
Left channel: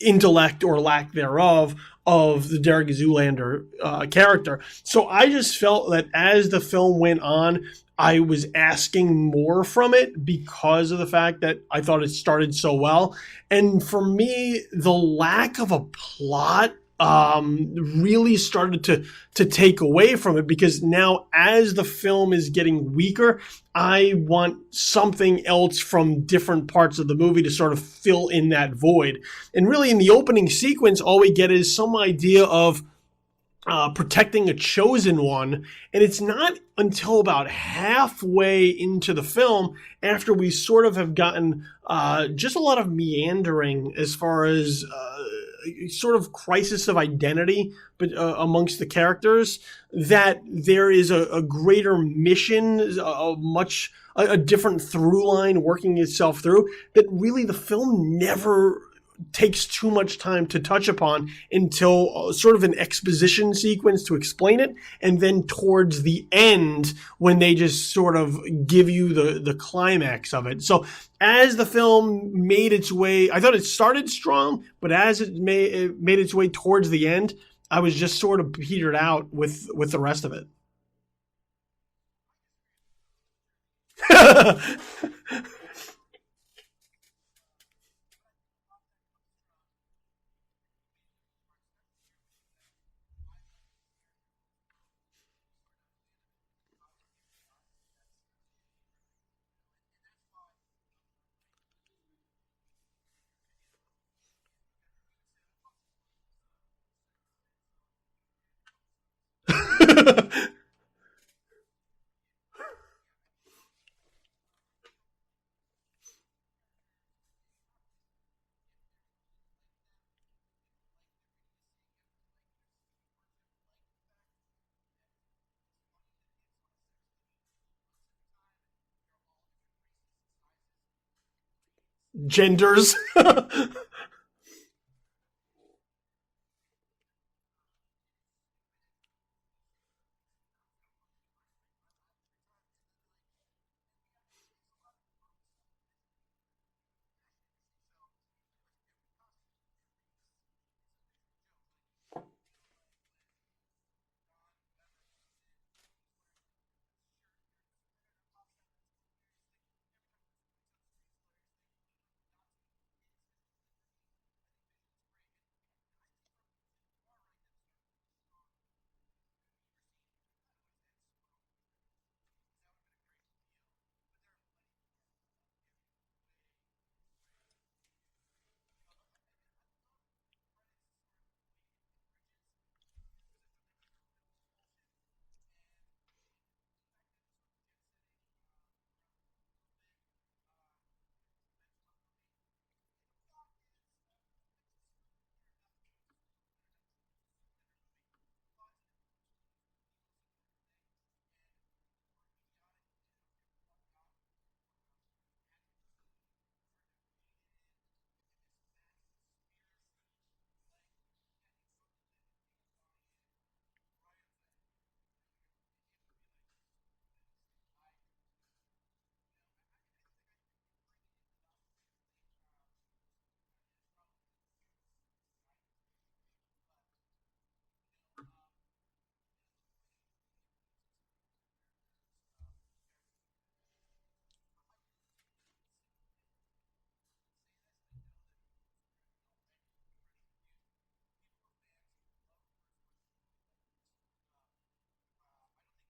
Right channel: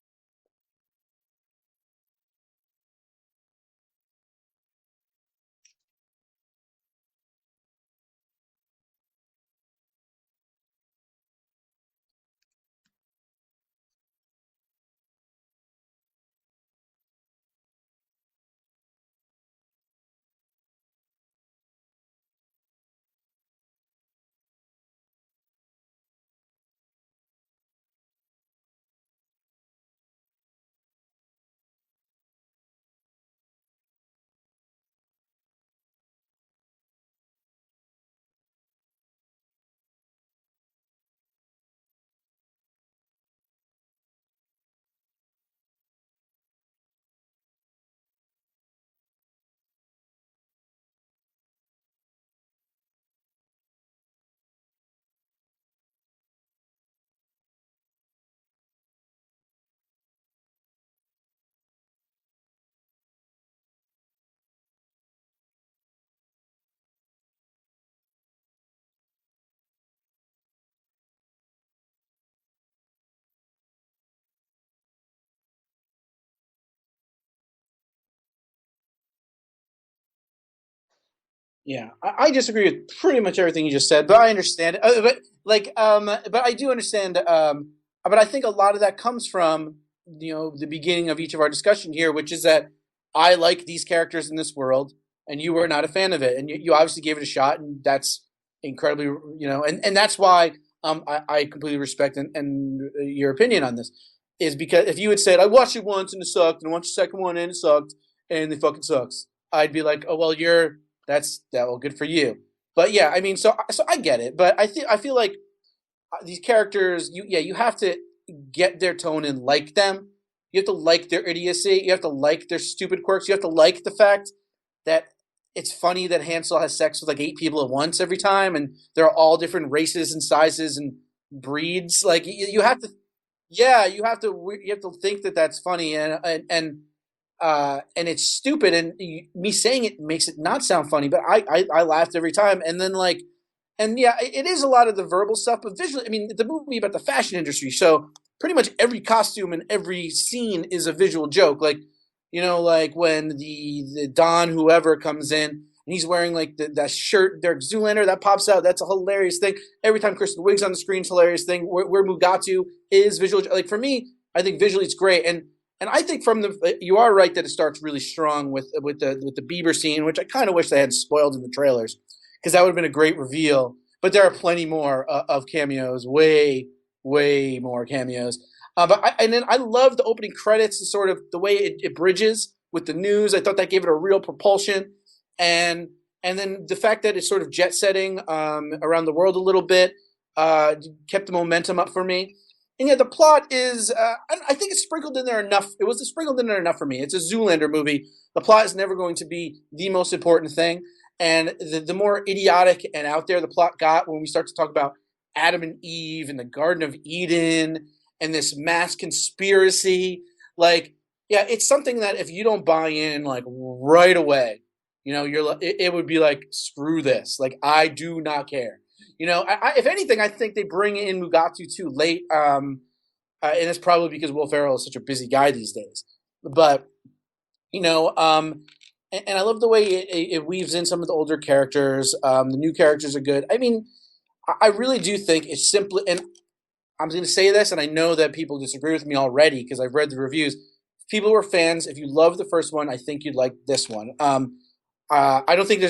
intellect or lack thereof of the Derek Zoolander character. So I just felt that as the film went on, I was asking more from it because of the fact that I thought it started so well. And for me, the lack of a plot really started to take away from it, because now as the film is getting weaker, I want something else from different parts of the movie to sort of fill in that void. And really, in the opening sequence, all we get is some idea of protecting a chosen one. And it's not until about halfway into the film, after we sort of have gotten just a lot of meandering as far as sort of crisis of identity, but amongst the characters, that there is a greater mission, a different through line working itself through, that really the film never takes too much time to touch upon until sort of an exposition sequence to explain it, and then towards the end when they just sort of give you the climax of it. So as the film made its way, I thought it started strong, but as it made its way towards the end, I was just sort of petered out with the rest of it. Yeah, I disagree with pretty much everything you just said, but I understand. But I do understand. But I think a lot of that comes from, the beginning of each of our discussion here, which is that I like these characters in this world, and you were not a fan of it, and you obviously gave it a shot, and that's incredibly, and that's why I completely respect and your opinion on this, is because if you had said I watched it once and it sucked, and I watched the second one and it sucked, and it fucking sucks, I'd be like, oh, well, well, good for you. But yeah, I mean, so I get it, but I feel like these characters, you have to get their tone and like them. You have to like their idiocy. You have to like their stupid quirks. You have to like the fact that it's funny that Hansel has sex with like 8 people at once every time, and they're all different races and sizes and breeds, like genders. You have to think that that's funny, and it's stupid, and me saying it makes it not sound funny, but I laughed every time, and then like. And yeah, it is a lot of the verbal stuff, but visually, I mean, the movie about the fashion industry, so pretty much every costume and every scene is a visual joke. Like, like when the Don whoever comes in and he's wearing like that shirt, Derek Zoolander, that pops out. That's a hilarious thing. Every time Kristen Wiig's on the screen, it's a hilarious thing. Where Mugatu is visual, like for me, I think visually it's great. And I think you are right that it starts really strong with the Bieber scene, which I kind of wish they had spoiled in the trailers, because that would have been a great reveal. But there are plenty more of cameos, way more cameos. And then I love the opening credits, and sort of the way it bridges with the news. I thought that gave it a real propulsion, and then the fact that it's sort of jet setting around the world a little bit kept the momentum up for me. And yeah, the plot is I think it's sprinkled in there enough. It was sprinkled in there enough for me. It's a Zoolander movie. The plot is never going to be the most important thing. And the more idiotic and out there the plot got when we start to talk about Adam and Eve and the Garden of Eden and this mass conspiracy, like, yeah, it's something that if you don't buy in like right away, it would be like, screw this. Like, I do not care. If anything, I think they bring in Mugatu too late. And it's probably because Will Ferrell is such a busy guy these days. But, and I love the way it weaves in some of the older characters. The new characters are good. I mean, I really do think it's simply, and I'm going to say this, and I know that people disagree with me already because I've read the reviews. People who are fans, if you love the first one, I think you'd like this one. I don't think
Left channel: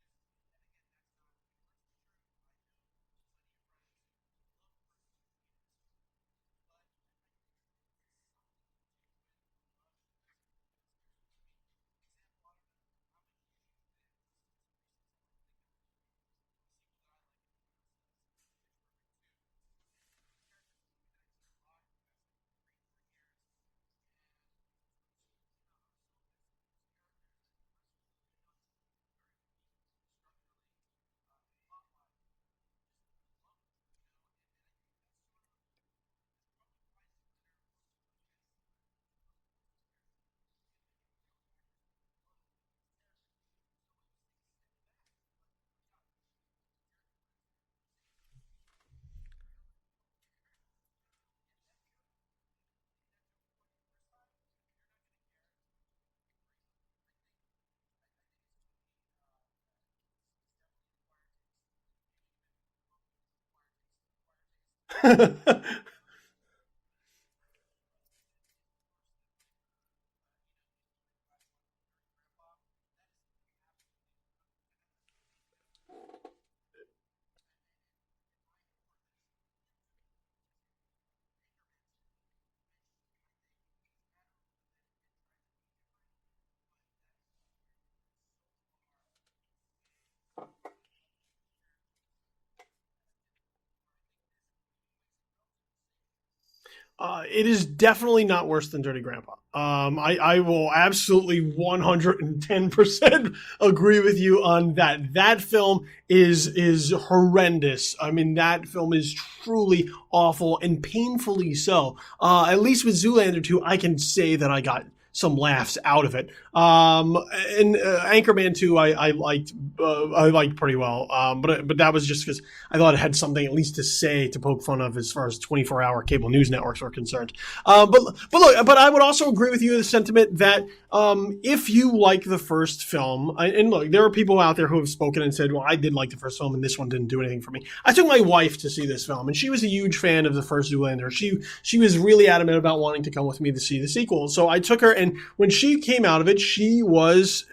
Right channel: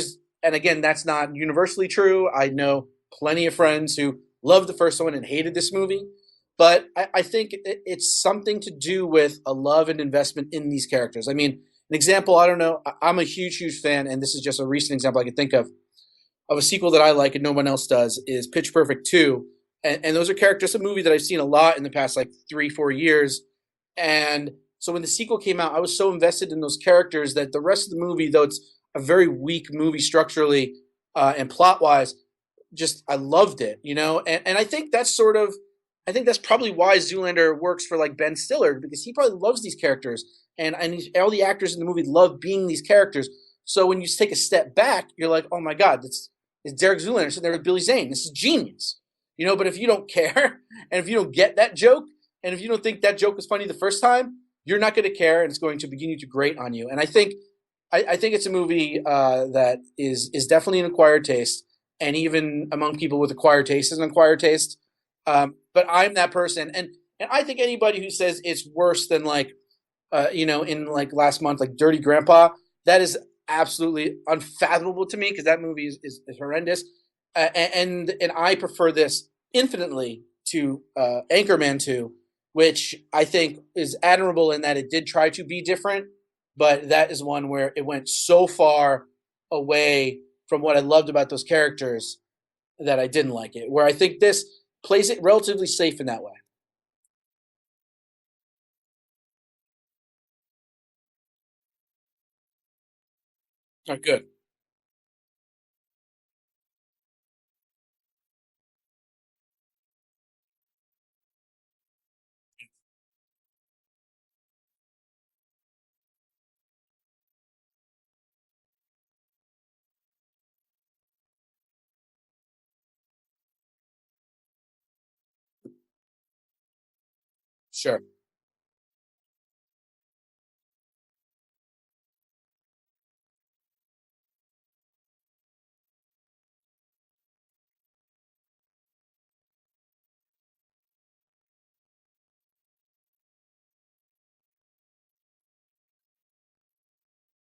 and again, that's not universally true. I know plenty of friends who loved the first one and hated this movie. But I think it's something to do with a love and investment in these characters. I mean, an example, I don't know, I'm a huge fan, and this is just a recent example I can think of a sequel that I like and no one else does, is Pitch Perfect 2. And those are characters, a movie that I've seen a lot in the past like 3-4 years. And so when the sequel came out, I was so invested in those characters that the rest of the movie, though it's a very weak movie structurally and plot-wise, just I loved it, And I think that's probably why Zoolander works for like Ben Stiller, because he probably loves these characters. And all the actors in the movie love being these characters. So when you take a step back, you're like, oh my God, it's Derek Zoolander sitting there with Billy Zane. This is genius. But if you don't care, and if you don't get that joke, and if you don't think that joke was funny the first time, you're not going to care, and it's going to begin to grate on you. And I think it's a movie that is definitely an acquired taste, and even among people with acquired taste is an acquired taste. But I'm that person, and I think anybody who says it's worse than in like last month, like Dirty Grandpa, that is absolutely unfathomable to me because that movie is horrendous, and I prefer this infinitely to Anchorman 2, which I think is admirable in that it did try to be different, but that is one where it went so far away from what I loved about those characters that I didn't like it. Where I think this plays it relatively safe in that way. It is definitely not worse than Dirty Grandpa. I will absolutely 110% agree with you on that. That film is horrendous. I mean, that film is truly awful and painfully so. At least with Zoolander 2, I can say that I got some laughs out of it. And Anchorman 2, I liked pretty well. But that was just because I thought it had something at least to say to poke fun of as far as 24-hour cable news networks are concerned. Sure. But I would also agree with you in the sentiment that if you like the first film, and look, there are people out there who have spoken and said, well, I did like the first film and this one didn't do anything for me. I took my wife to see this film and she was a huge fan of the first Zoolander. She was really adamant about wanting to come with me to see the sequel. So I took her, and when she came out of it, she was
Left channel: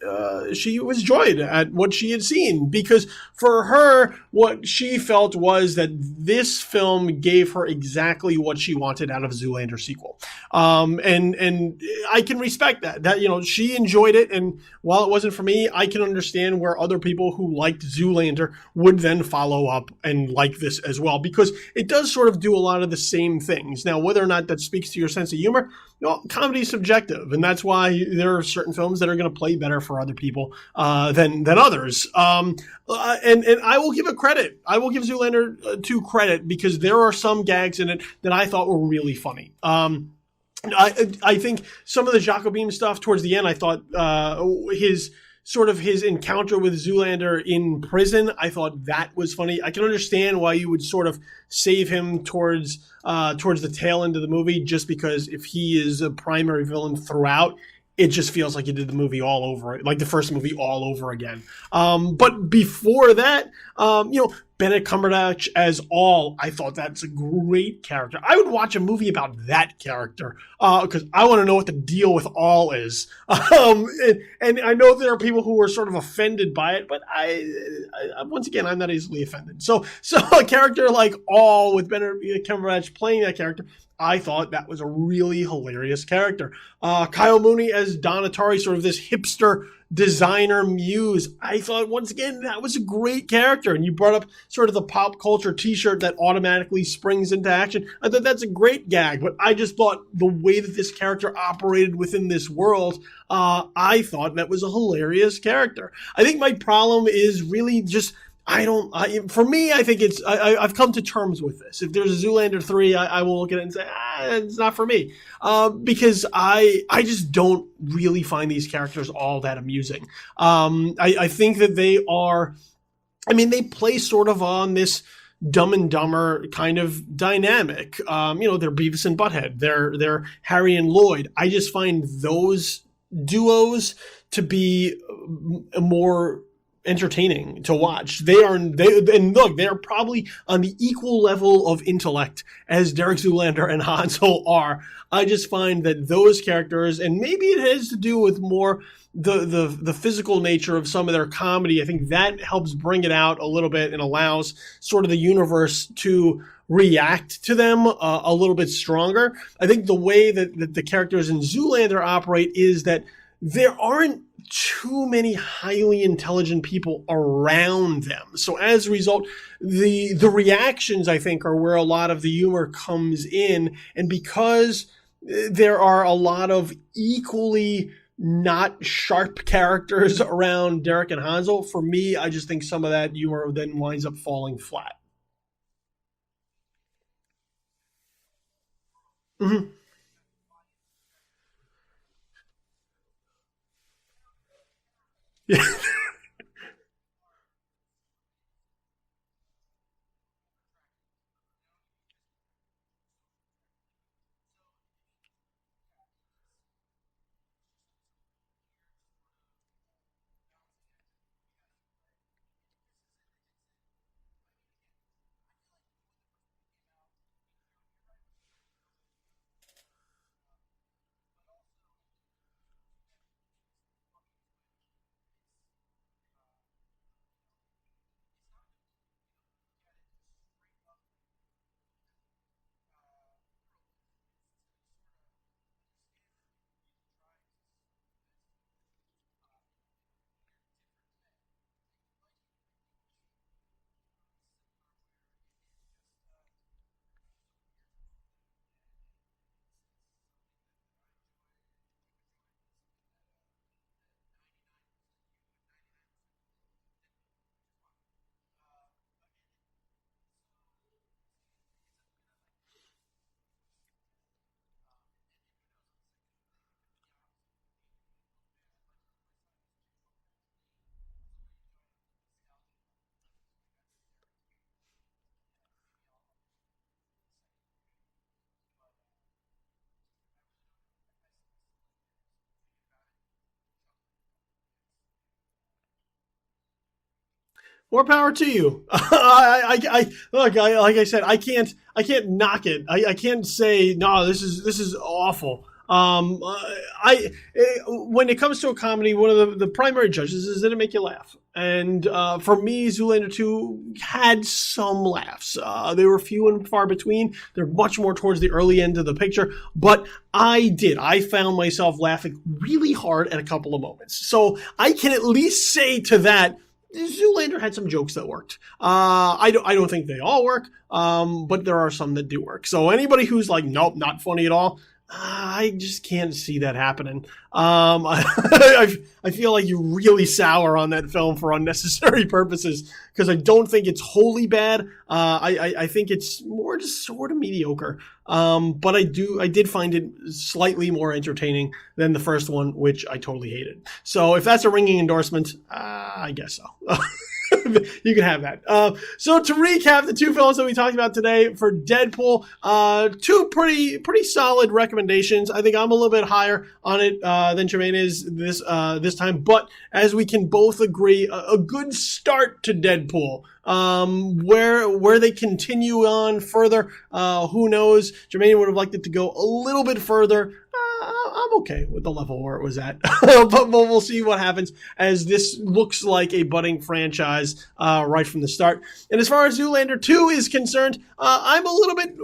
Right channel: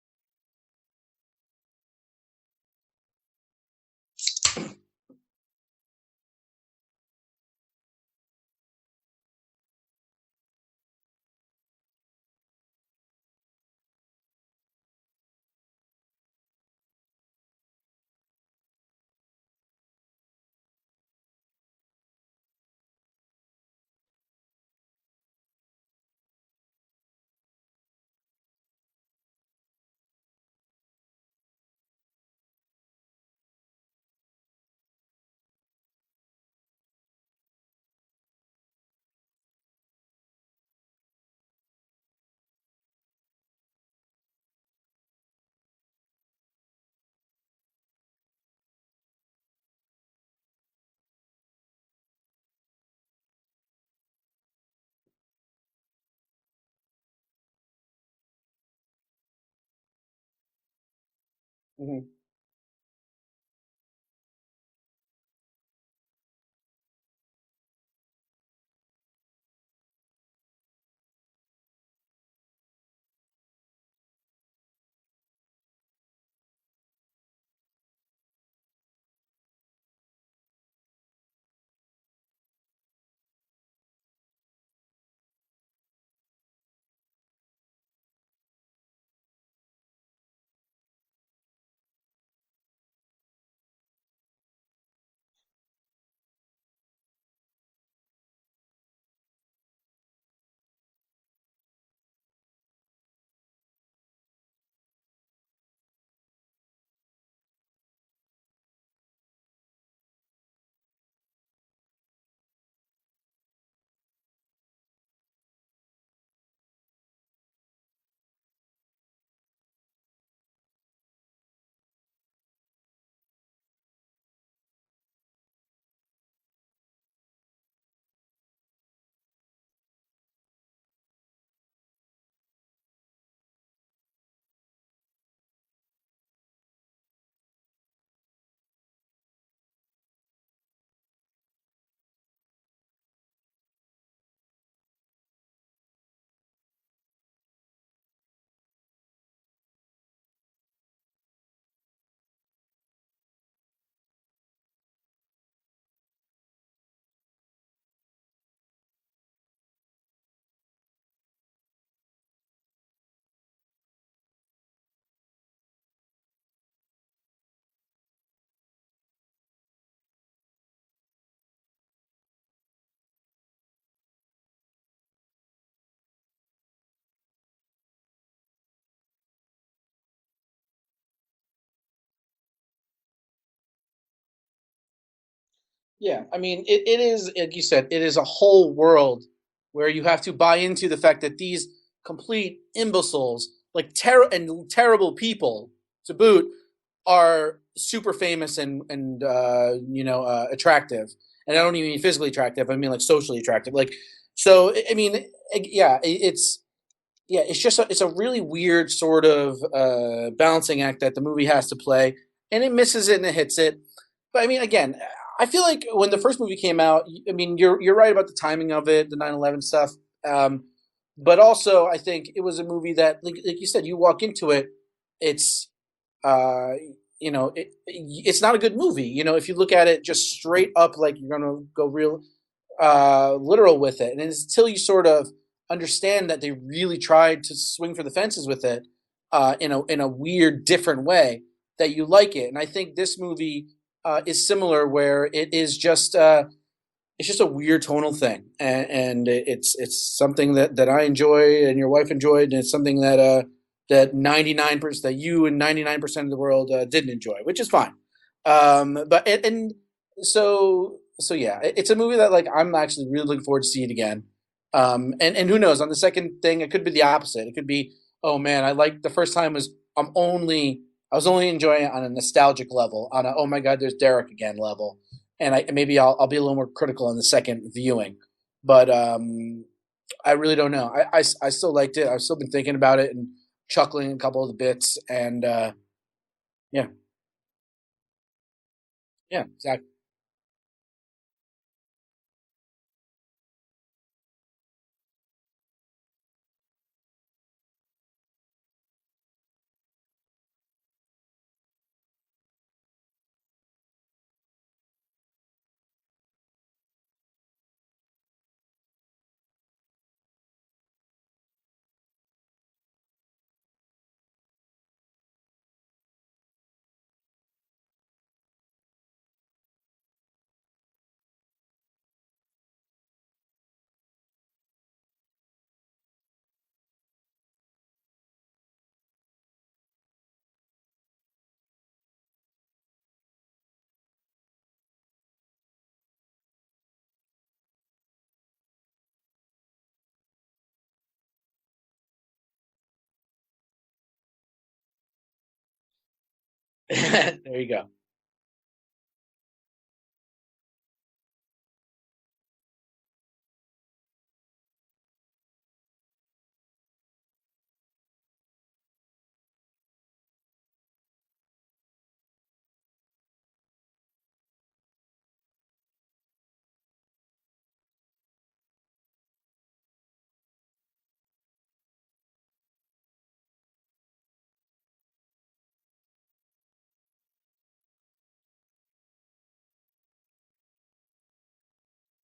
joyed at what she had seen, because for her, what she felt was that this film gave her exactly what she wanted out of a Zoolander sequel. And I can respect that she enjoyed it. And while it wasn't for me, I can understand where other people who liked Zoolander would then follow up and like this as well, because it does sort of do a lot of the same things. Now, whether or not that speaks to your sense of humor, comedy is subjective, and that's why there are certain films that are going to play better for other people than others. And I will give it credit. I will give Zoolander 2 credit, because there are some gags in it that I thought were really funny. I think some of the Jacobin stuff towards the end, I thought his encounter with Zoolander in prison, I thought that was funny. I can understand why you would sort of save him towards the tail end of the movie, just because if he is a primary villain throughout, it just feels like you did the movie all over, like the first movie all over again. But before that, Benedict Cumberbatch as All, I thought that's a great character. I would watch a movie about that character because I want to know what the deal with All is. And I know there are people who are sort of offended by it, but I once again, I'm not easily offended. So a character like All with Benedict Cumberbatch playing that character, I thought that was a really hilarious character. Kyle Mooney as Don Atari, sort of this hipster designer muse. I thought, once again, that was a great character. And you brought up sort of the pop culture t-shirt that automatically springs into action. I thought that's a great gag, but I just thought the way that this character operated within this world, I thought that was a hilarious character. I think my problem is really just, for me, I think I've come to terms with this. If there's a Zoolander 3, I will look at it and say, it's not for me. Because I just don't really find these characters all that amusing. I think that they play sort of on this Dumb and Dumber kind of dynamic. They're Beavis and Butthead. They're Harry and Lloyd. I just find those duos to be more entertaining to watch. They're probably on the equal level of intellect as Derek Zoolander and Hansel are. I just find that those characters, and maybe it has to do with more the physical nature of some of their comedy, I think that helps bring it out a little bit and allows sort of the universe to react to them a little bit stronger. I think the way that the characters in Zoolander operate is that there aren't too many highly intelligent people around them. So as a result, the reactions, I think, are where a lot of the humor comes in. And because there are a lot of equally not sharp characters around Derek and Hansel, for me, I just think some of that humor then winds up falling flat. Yeah, I mean, it is, like you said, it is a whole world where you have to buy into the fact that these complete imbeciles like terrible people to boot, are super famous and attractive. And I don't even mean physically attractive. I mean like socially attractive. Like, so I mean, yeah, it's just it's a really weird sort of balancing act that the movie has to play, and it misses it and it hits it. But I mean, again, I feel like when the first movie came out, I mean, you're right about the timing of it, the 9/11 stuff. But also, I think it was a movie that, like you said, you walk into it, it's it's not a good movie. You know, if you look at it just straight up, like you're gonna go real literal with it, and until you sort of understand that they really tried to swing for the fences with it in a weird, different way, that you like it. And I think this movie is similar, where it is just it's just a weird tonal thing, and it's something that I enjoy and your wife enjoyed, and it's something that that 99% that you and 99% of the world didn't enjoy, which is fine. But and so yeah, it's a movie that, like, I'm actually really looking forward to see it again. And who knows, on the second thing, it could be the opposite. It could be, oh man, I like the first time was I was only enjoying it on a nostalgic level, on a, oh my god, there's Derek again level, and maybe I'll be a little more critical in the second viewing. But I really don't know. I still liked it. I've still been thinking about it and chuckling a couple of the bits, and yeah. More power to you. I look. Like I said, I can't knock it. I can't say no. This is awful. When it comes to a comedy, one of the primary judges is, did it make you laugh? And for me, Zoolander 2 had some laughs. They were few and far between. They're much more towards the early end of the picture. But I found myself laughing really hard at a couple of moments. So I can at least say to that, Zoolander had some jokes that worked. I don't think they all work, but there are some that do work. So anybody who's like, nope, not funny at all, I just can't see that happening. I feel like you really sour on that film for unnecessary purposes, because I don't think it's wholly bad. I think it's more just sort of mediocre. But I did find it slightly more entertaining than the first one, which I totally hated. So if that's a ringing endorsement, I guess so. There you go. You can have that. So to recap the two films that we talked about today for Deadpool, two pretty solid recommendations. I think I'm a little bit higher on it than Germain is this time, but as we can both agree, a good start to Deadpool. Where they continue on further, who knows? Germain would have liked it to go a little bit further. I'm okay with the level where it was at, but we'll see what happens, as this looks like a budding franchise right from the start. And as far as Zoolander 2 is concerned, I'm a little bit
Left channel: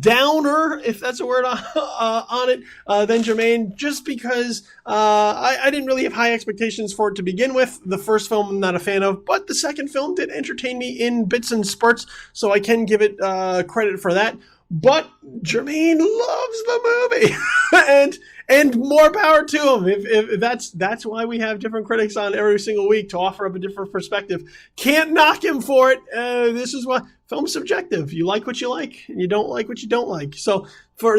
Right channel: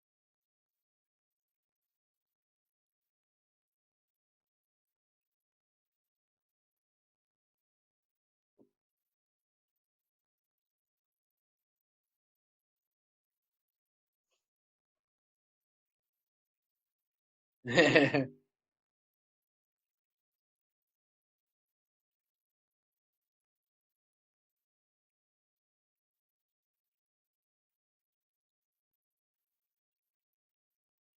downer, if that's a word, on it than Germain, just because I didn't really have high expectations for it to begin with. The first film I'm not a fan of, but the second film did entertain me in bits and spurts, so I can give it credit for that. But Germain loves the movie, and more power to him. If that's why we have different critics on every single week, to offer up a different perspective. Can't knock him for it. This is why film's subjective. You like what you like, and you don't like what you don't like. So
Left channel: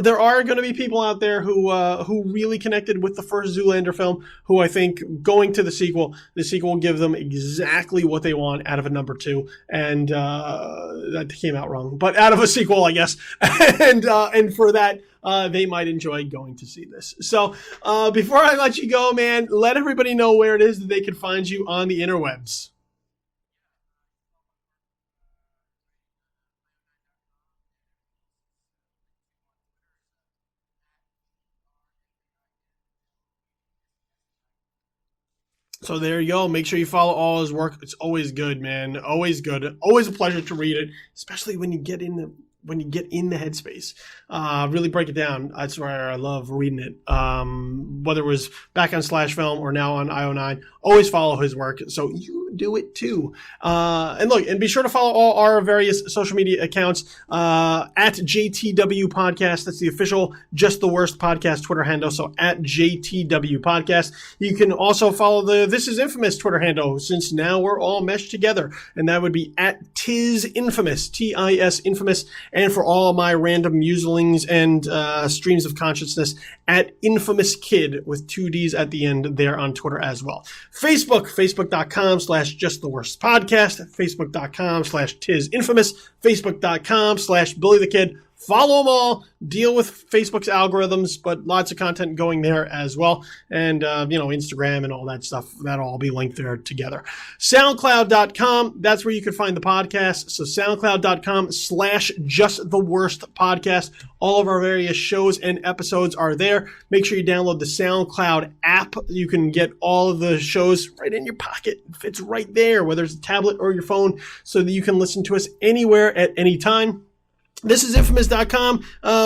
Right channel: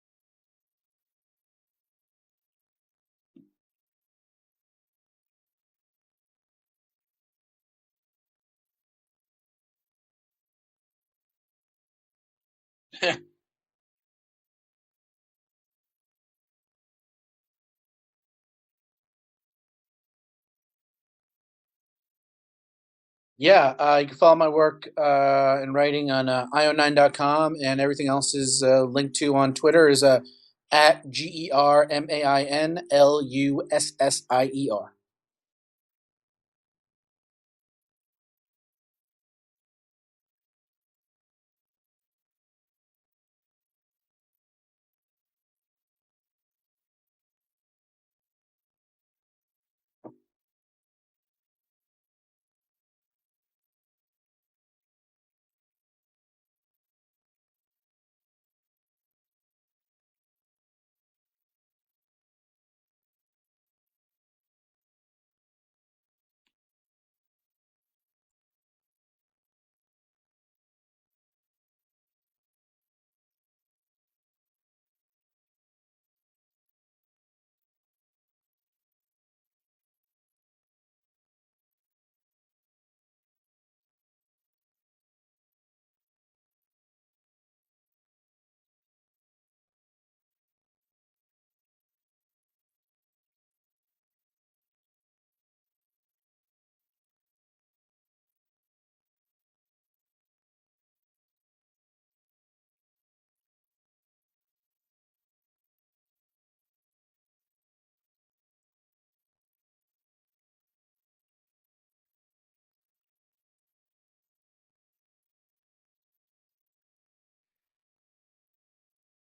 there are going to be people out there who really connected with the first Zoolander film, who I think going to the sequel will give them exactly what they want out of a number 2, and that came out wrong, but out of a sequel, I guess. Yeah. And for that, they might enjoy going to see this. So before I let you go, man, let everybody know where it is that they can find you on the interwebs. Yeah, you can follow my work in writing on io9.com, and everything else is linked to on Twitter is at GermainLussier. So there you go. Make sure you follow all his work. It's always good, man. Always good. Always a pleasure to read it, especially when you get in the headspace. Really break it down. That's where I love reading it. Whether it was back on Slash Film or now on IO9, always follow his work, so you do it too. And be sure to follow all our various social media accounts at JTW Podcast. That's the official Just the Worst Podcast Twitter handle. So at JTW Podcast. You can also follow the This Is Infamous Twitter handle, since now we're all meshed together. And that would be at Tis Infamous, TIS Infamous. And for all my random muselings and streams of consciousness, at Infamous Kid with 2 Ds at the end there on Twitter as well. Facebook.com/Just the Worst Podcast, Facebook.com/Tis Infamous, Facebook.com/Billy the Kid. Follow them all, deal with Facebook's algorithms, but lots of content going there as well. And, Instagram and all that stuff, that'll all be linked there together. SoundCloud.com, that's where you can find the podcast. So SoundCloud.com/Just the Worst Podcast. All of our various shows and episodes are there. Make sure you download the SoundCloud app. You can get all of the shows right in your pocket. It fits right there, whether it's a tablet or your phone, so that you can listen to us anywhere at any time. ThisIsInfamous.com.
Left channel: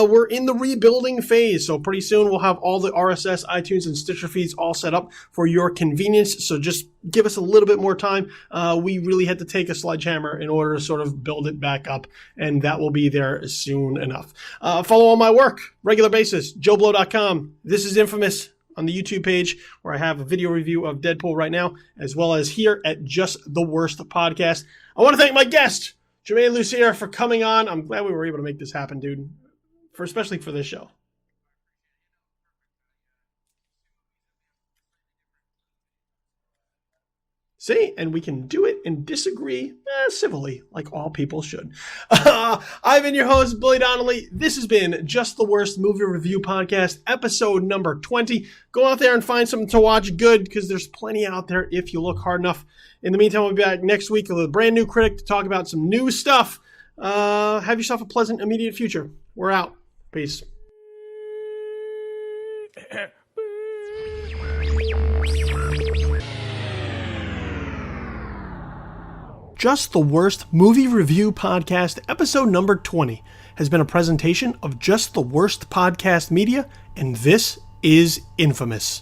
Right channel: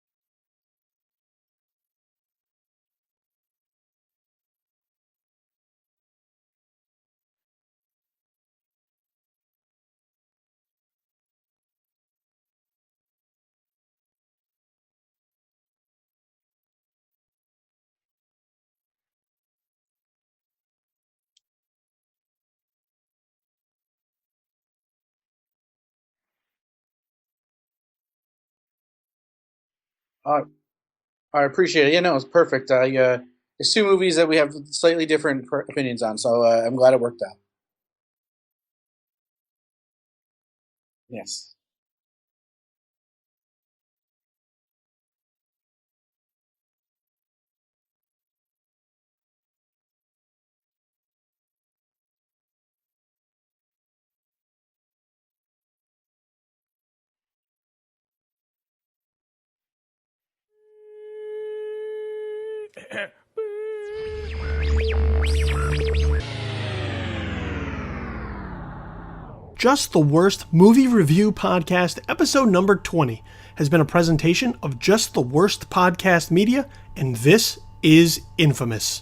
We're in the rebuilding phase, so pretty soon we'll have all the RSS, iTunes, and Stitcher feeds all set up for your convenience. So just give us a little bit more time. We really had to take a sledgehammer in order to sort of build it back up, and that will be there soon enough. Follow all my work, regular basis, JoeBlow.com. This is Infamous on the YouTube page, where I have a video review of Deadpool right now, as well as here at Just the Worst Podcast. I want to thank my guest, Germain Lussier, for coming on. I'm glad we were able to make this happen, dude. Especially for this show. I appreciate it. Yeah, no, it's perfect. It's 2 movies that we have slightly different opinions on, so I'm glad it worked out. See, and we can do it and disagree civilly, like all people should. I've been your host, Billy Donnelly. This has been Just the Worst Movie Review Podcast, episode number 20. Go out there and find something to watch good, because there's plenty out there if you look hard enough. In the meantime, we'll be back next week with a brand new critic to talk about some new stuff. Have yourself a pleasant, immediate future. We're out. Peace. Just the Worst Movie Review Podcast, episode number 20, has been a presentation of Just the Worst Podcast Media, and this is Infamous.